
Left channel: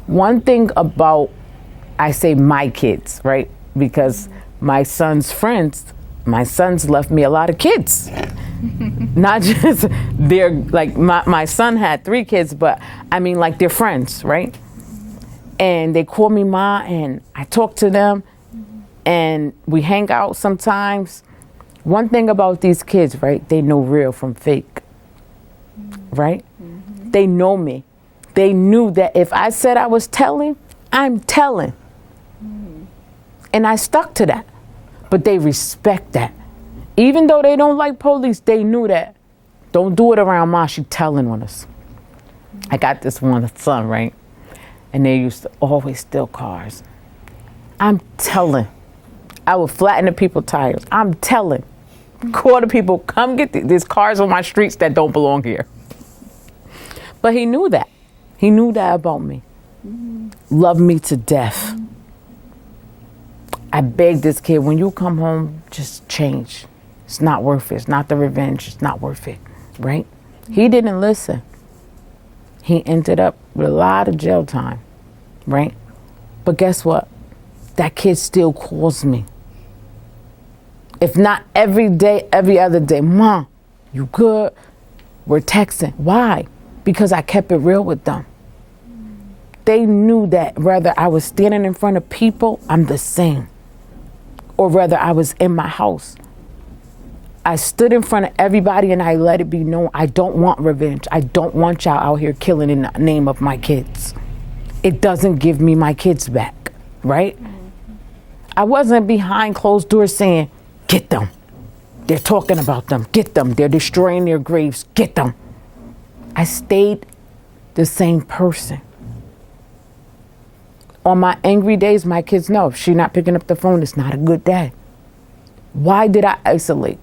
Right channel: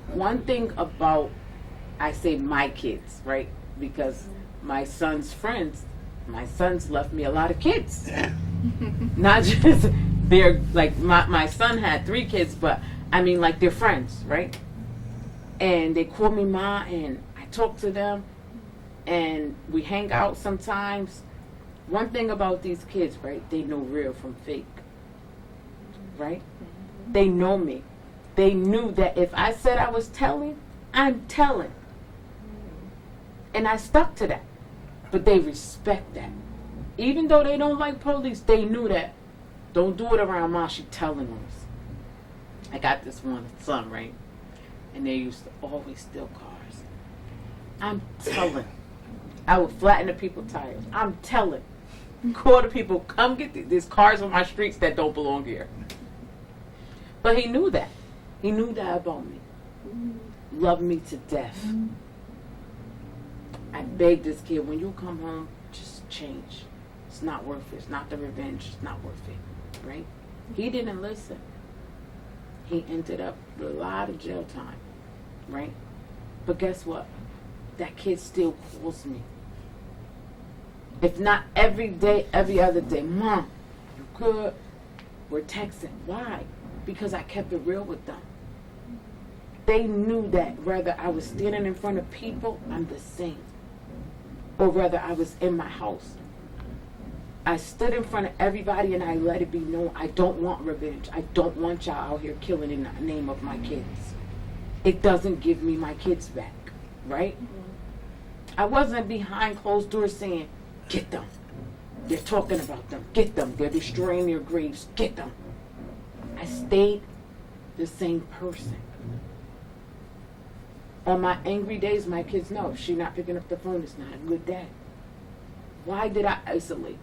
One thing about, I say my kids, right? Because my son's friends, my sons left me a lot of kids. Not just, they're like, my son had 3 kids, but I mean like they're friends, right? And they call me Ma, and I talk to them, and we hang out sometimes. One thing about these kids, right? They know real from fake, right? They know me. They knew that if I said I was telling, I'm telling. And I stuck to that. But they respect that. Even though they don't like police, they knew that. Don't do it around Ma, she telling on us. I got this one son, right? And they used to always steal cars. I'm telling. I would flatten the people's tires. I'm telling. Call the people, come get there's cars on my streets that don't belong here. But he knew that. He knew that about me. Loved me to death. I begged this kid, when you come home, just change. It's not worth it. It's not the revenge. It's not worth it, right? He didn't listen. He ended up with a lot of jail time. right? But guess what? That kid still calls me. If not every day, every other day. Mom, you good? We're texting. Why? Because I kept it real with them. They knew that whether I was standing in front of people, I'm the same. Or whether I was in my house. I stood in front of everybody and I let it be known I don't want revenge. I don't want y'all out here killing in the name of my kids. It doesn't give me my kids back, right? I wasn't behind closed doors saying, get them. They're talking about them. Get them. They're destroying their graves. Get them. I stayed the same person. On my angry days, my kids know if she's not picking up the phone, it's not a good day. Why did I isolate?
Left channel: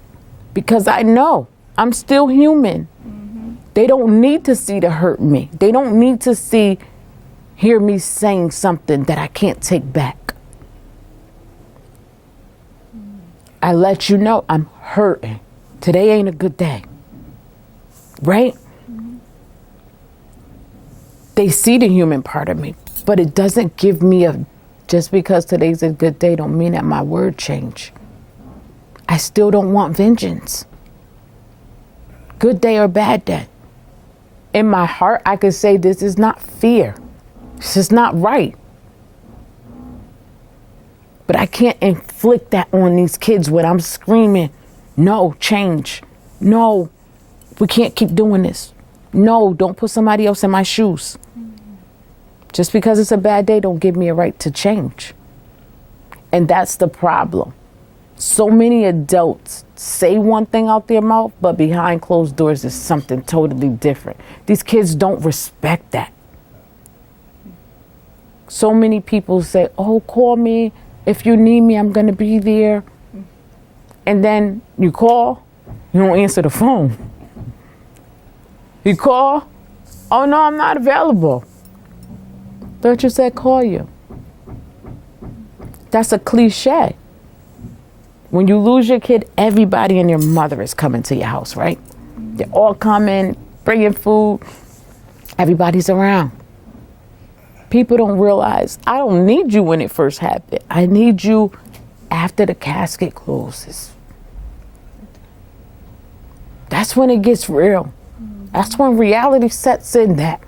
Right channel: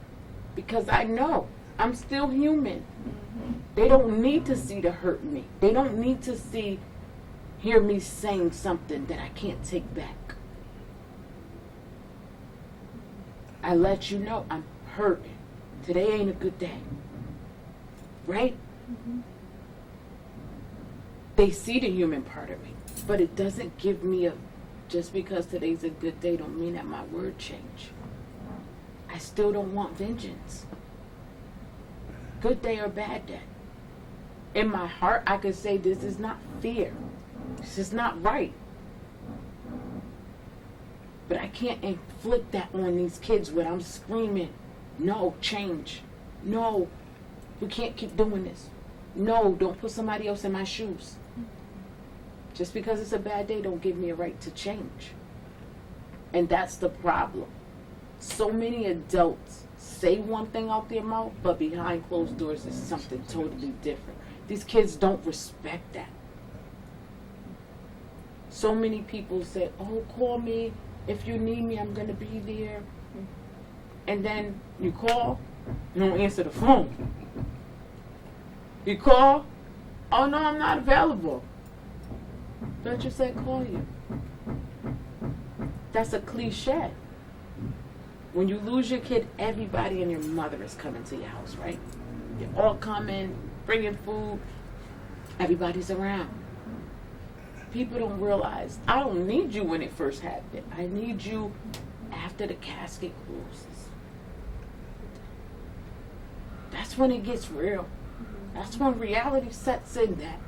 Because I know I'm still human. They don't need to see to hurt me. They don't need to hear me saying something that I can't take back. I let you know I'm hurting. Today ain't a good day. Right? They see the human part of me, but it doesn't give me just because today's a good day don't mean that my word change. I still don't want vengeance. Good day or bad day. In my heart, I could say this is not fear. This is not right. But I can't inflict that on these kids when I'm screaming, no, change. No, we can't keep doing this. No, don't put somebody else in my shoes. Just because it's a bad day don't give me a right to change. And that's the problem. So many adults say one thing out their mouth, but behind closed doors is something totally different. These kids don't respect that. So many people say, oh, call me. If you need me, I'm going to be there. And then you call, you don't answer the phone. You call, oh, no, I'm not available. Thought you said call you. That's a cliche. When you lose your kid, everybody and your mother is coming to your house, right? They're all coming, bringing food. Everybody's around. People don't realize I don't need you when it first happened. I need you after the casket closes. That's when it gets real. That's when reality sets in that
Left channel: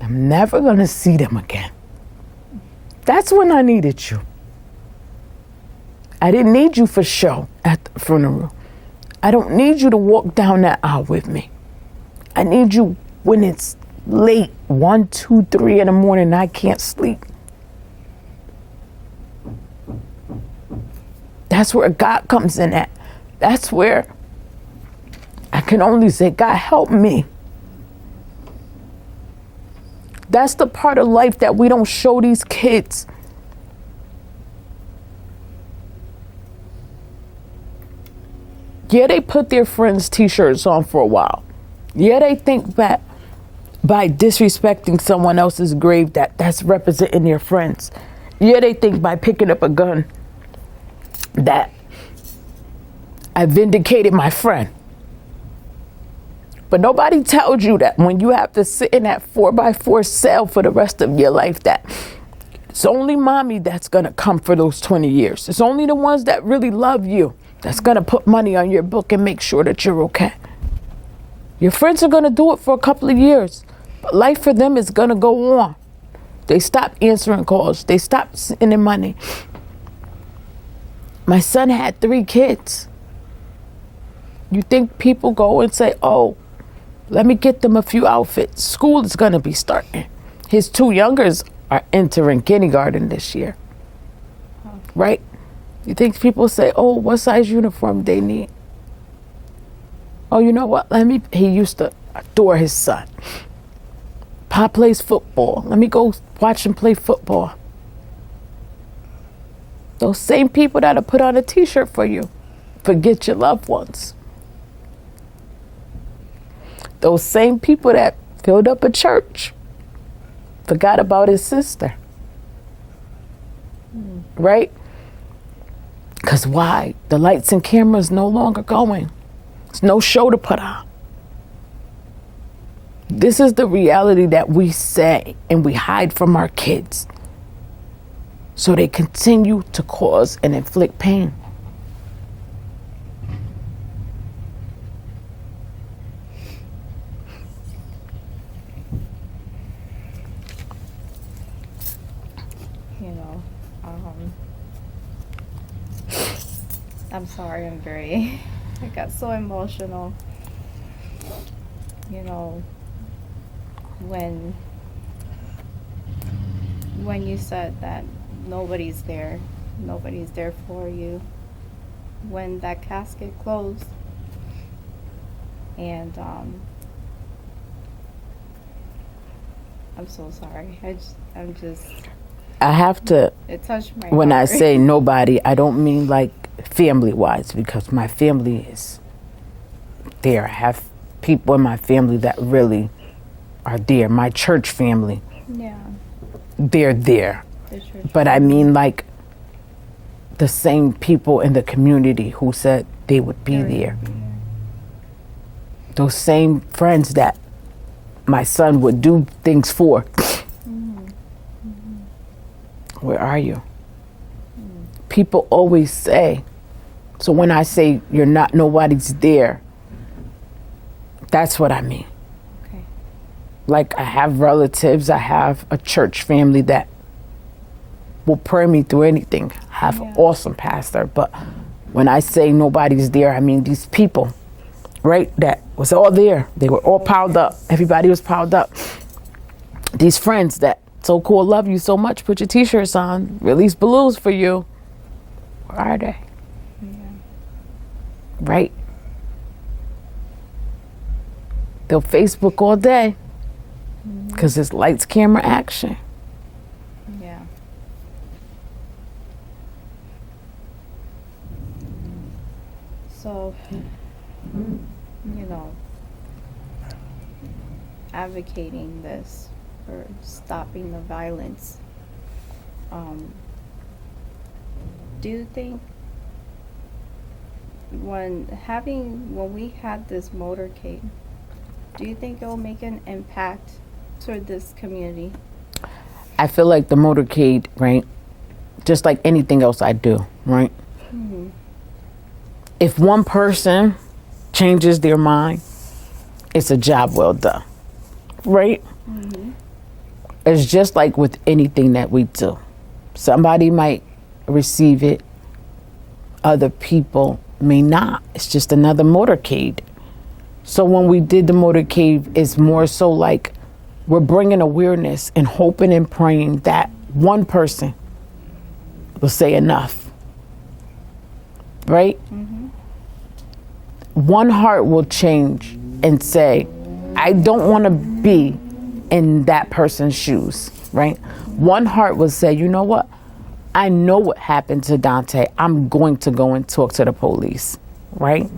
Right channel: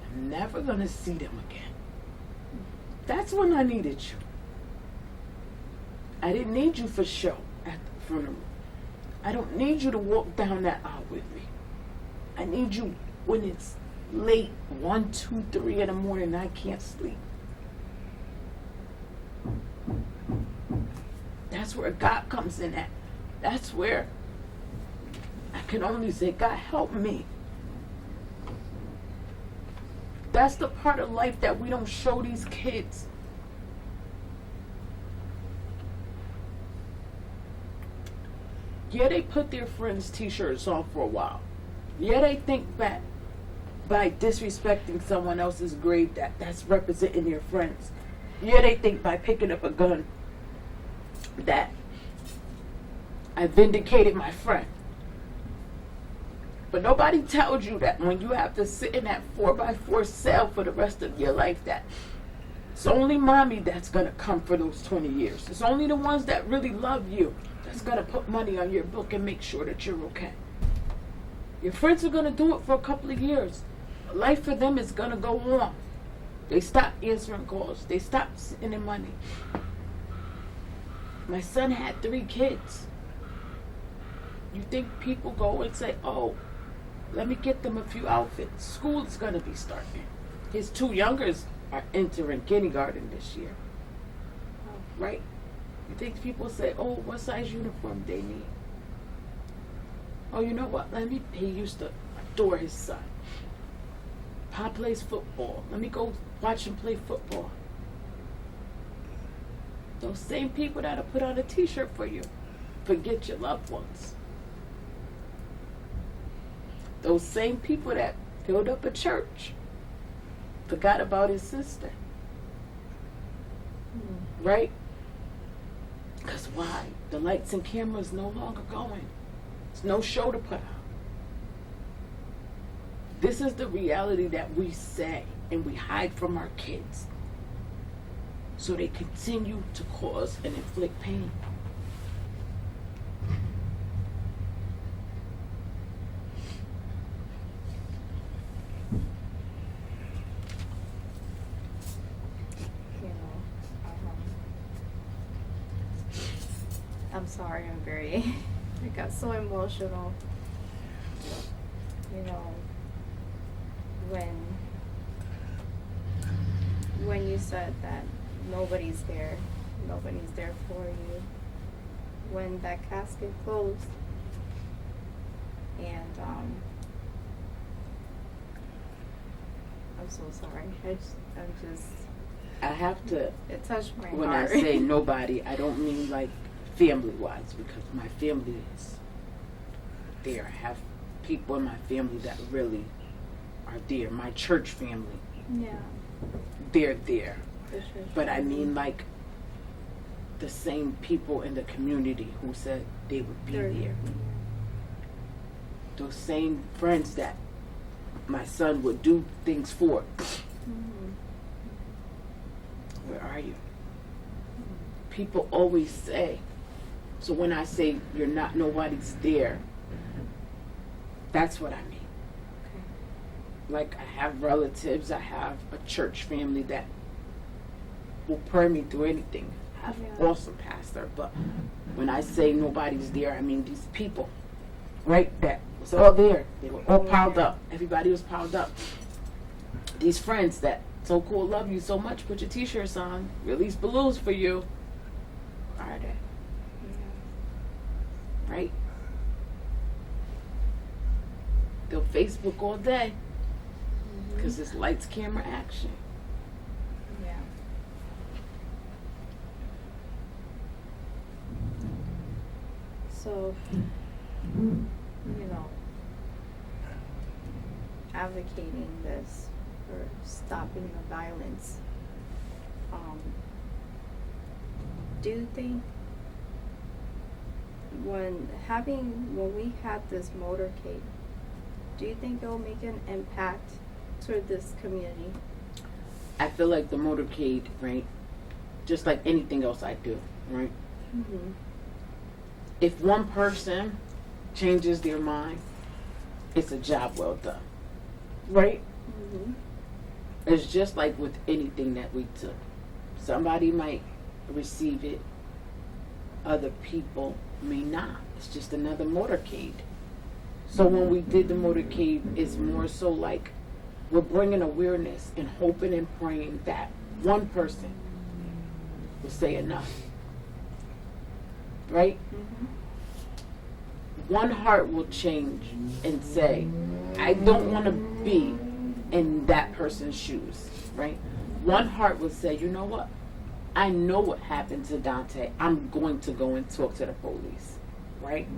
I'm never going to see them again. That's when I needed you. I didn't need you for show at the funeral. I don't need you to walk down that aisle with me. I need you when it's late, 1, 2, 3 in the morning, and I can't sleep. That's where God comes in at. That's where I can only say, God, help me. That's the part of life that we don't show these kids. Yeah, they put their friends' t-shirts on for a while. Yeah, they think that by disrespecting someone else's grave that's representing their friends. Yeah, they think by picking up a gun that I vindicated my friend. But nobody tells you that when you have to sit in that 4x4 cell for the rest of your life, that it's only mommy that's gonna come for those 20 years. It's only the ones that really love you that's gonna put money on your book and make sure that you're okay. Your friends are gonna do it for a couple of years, but life for them is gonna go on. They stop answering calls. They stop sending money. My son had 3 kids. You think people go and say, oh, let me get them a few outfits. School is gonna be starting. His 2 youngers are entering kindergarten this year, right? You think people say, oh, what size uniform they need? Oh, you know what? He used to adore his son. Pop plays football. Let me go watch him play football. Those same people that'll put on a t-shirt for you, forget your loved ones. Those same people that filled up a church, forgot about his sister. Right? Because why? The lights and cameras no longer going. There's no show to put on. This is the reality that we say and we hide from our kids. So they continue to cause and inflict pain. You know, I'm sorry, I got so emotional. You know, when you said that nobody's there for you, when that casket closed, and I'm so sorry. I have to, It touched my when heart. I say nobody, I don't mean like family-wise, because my family is there. I have people in my family that really are there. My church family, Yeah, they're there. for sure. But I mean like the same people in the community who said they would be there. Those same friends that my son would do things for. Where are you? People always say, so when I say nobody's there, that's what I mean. Okay. Like I have relatives, I have a church family that will pray me through anything. I have an awesome pastor, but when I say nobody's there, I mean these people, right, that was all there. They were all piled up. Everybody was piled up. These friends that so cool, love you so much, put your t-shirts on, release balloons for you. Where are they? Yeah. Right? They'll Facebook all day because it's lights, camera, action. Yeah. So, you know, advocating this for stopping the violence, do you think when we had this motorcade, do you think it'll make an impact toward this community? I feel like the motorcade, right, just like anything else I do, right? Mm-hmm. If one person changes their mind, it's a job well done, right? Mm-hmm. It's just like with anything that we do. Somebody might receive it, other people may not. It's just another motorcade. So when we did the motorcade, it's more so like we're bringing awareness and hoping and praying that one person will say enough, right? Mm-hmm. One heart will change and say, I don't want to be in that person's shoes, right? One heart will say, you know what? I know what happened to Dante. I'm going to go and talk to the police, right?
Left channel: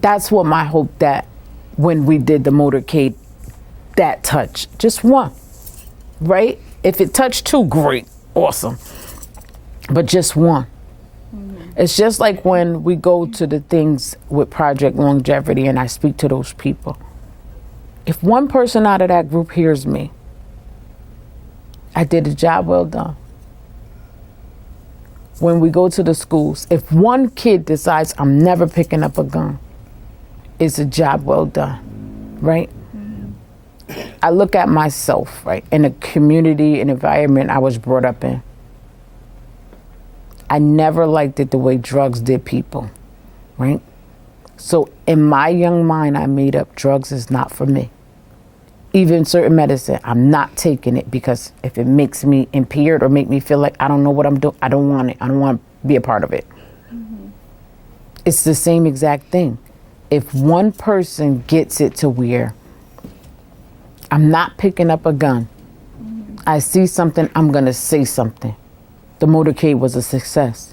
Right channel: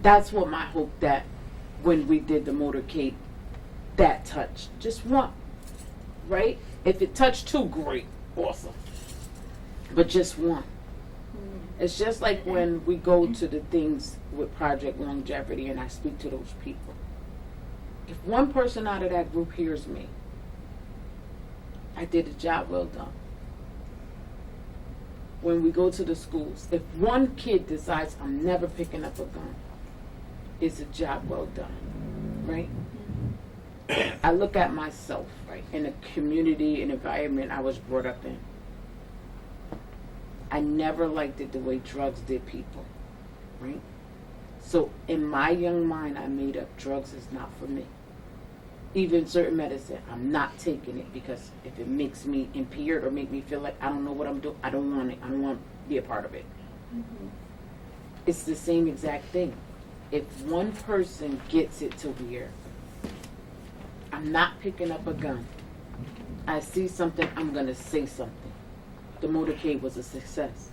That's what my hope that when we did the motorcade, that touch, just one, right? If it touched two, great, awesome. But just one. It's just like when we go to the things with Project Longevity and I speak to those people. If one person out of that group hears me, I did a job well done. When we go to the schools, if one kid decides I'm never picking up a gun, it's a job well done, right? I look at myself, right, in the community and environment I was brought up in. I never liked it the way drugs did people, right? So in my young mind, I made up drugs is not for me. Even certain medicine, I'm not taking it because if it makes me impaired or make me feel like I don't know what I'm doing, I don't want it. I don't want to be a part of it. It's the same exact thing. If one person gets it to where I'm not picking up a gun, I see something, I'm going to say something. The motorcade was a success.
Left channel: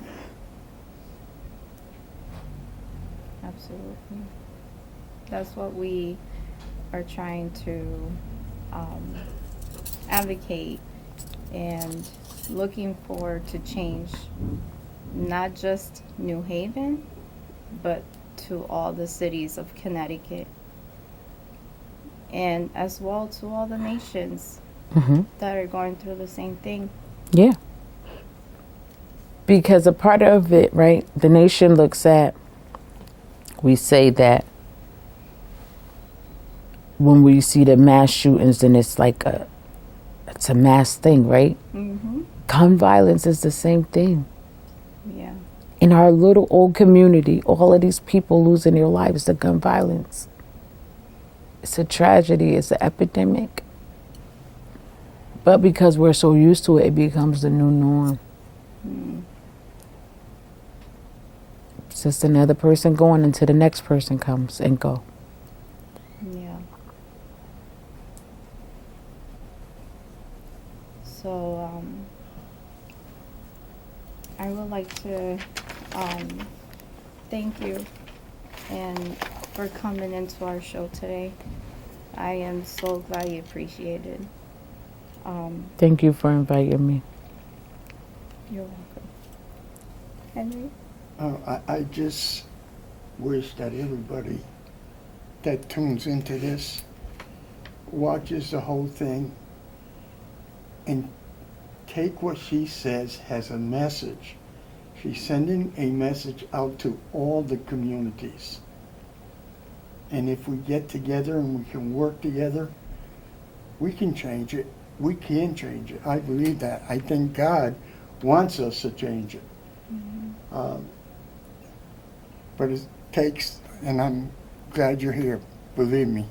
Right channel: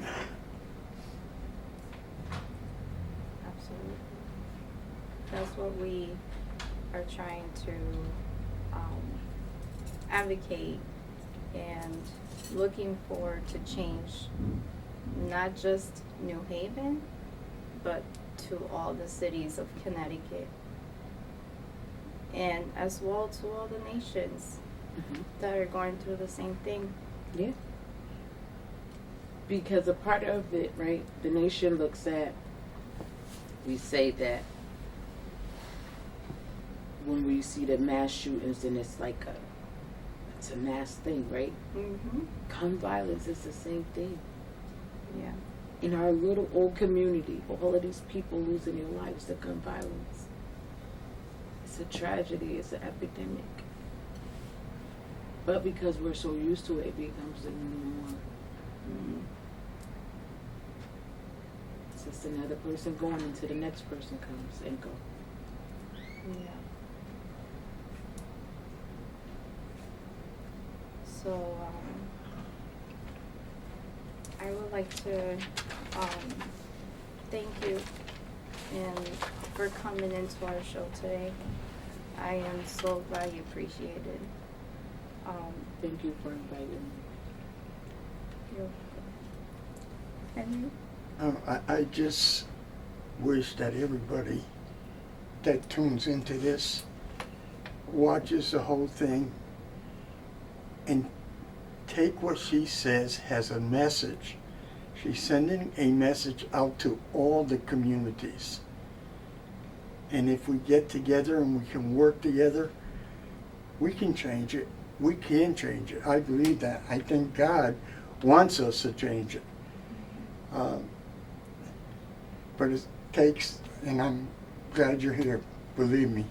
Absolutely. That's what we are trying to advocate and looking for to change not just New Haven, but to all the cities of Connecticut. and as well to all the nations Mm-hmm. that are going through the same thing. Yeah. Because a part of it, right, the nation looks at, we say that when we see the mass shootings, then it's like it's a mass thing, right? Mm-hmm. Gun violence is the same thing. Yeah. In our little old community, all of these people losing their lives to gun violence. It's a tragedy, it's an epidemic. But because we're so used to it, it becomes the new norm. Mm. It's just another person going until the next person comes and go. Yeah. So, I would like to thank you and for coming into our show today. I am so glad you appreciate it. Thank you for inviting me. You're welcome. Henry? I just wish that everybody that tunes into this watches the whole thing and take what she says as a message. She's sending a message out to all the communities. And if we get together and we can work together, we can change it. We can change it. I believe that. I think God wants us to change it. Mm-hmm. But it takes, and I'm glad you're here, believe me.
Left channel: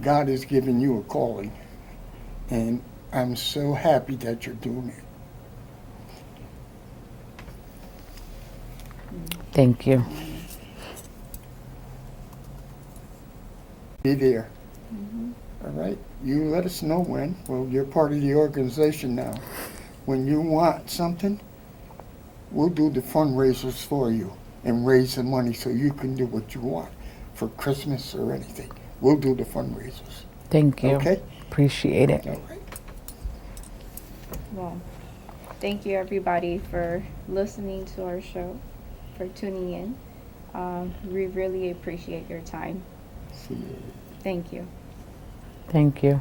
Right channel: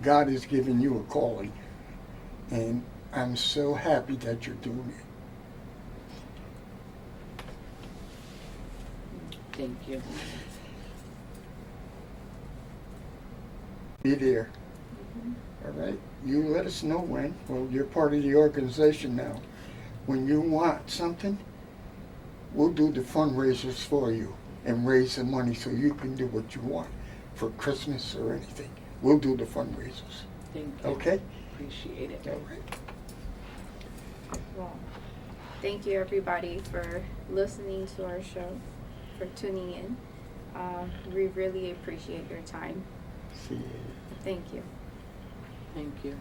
God has given you a calling, and I'm so happy that you're doing it. Thank you. Be there. Mm-hmm. All right? You let us know when. Well, you're part of the organization now. When you want something, we'll do the fundraisers for you and raise the money so you can do what you want for Christmas or anything. We'll do the fundraisers. Thank you. Okay? Appreciate it. All right. Well, thank you everybody for listening to our show, for tuning in. We really appreciate your time. See you. Thank you. Thank you.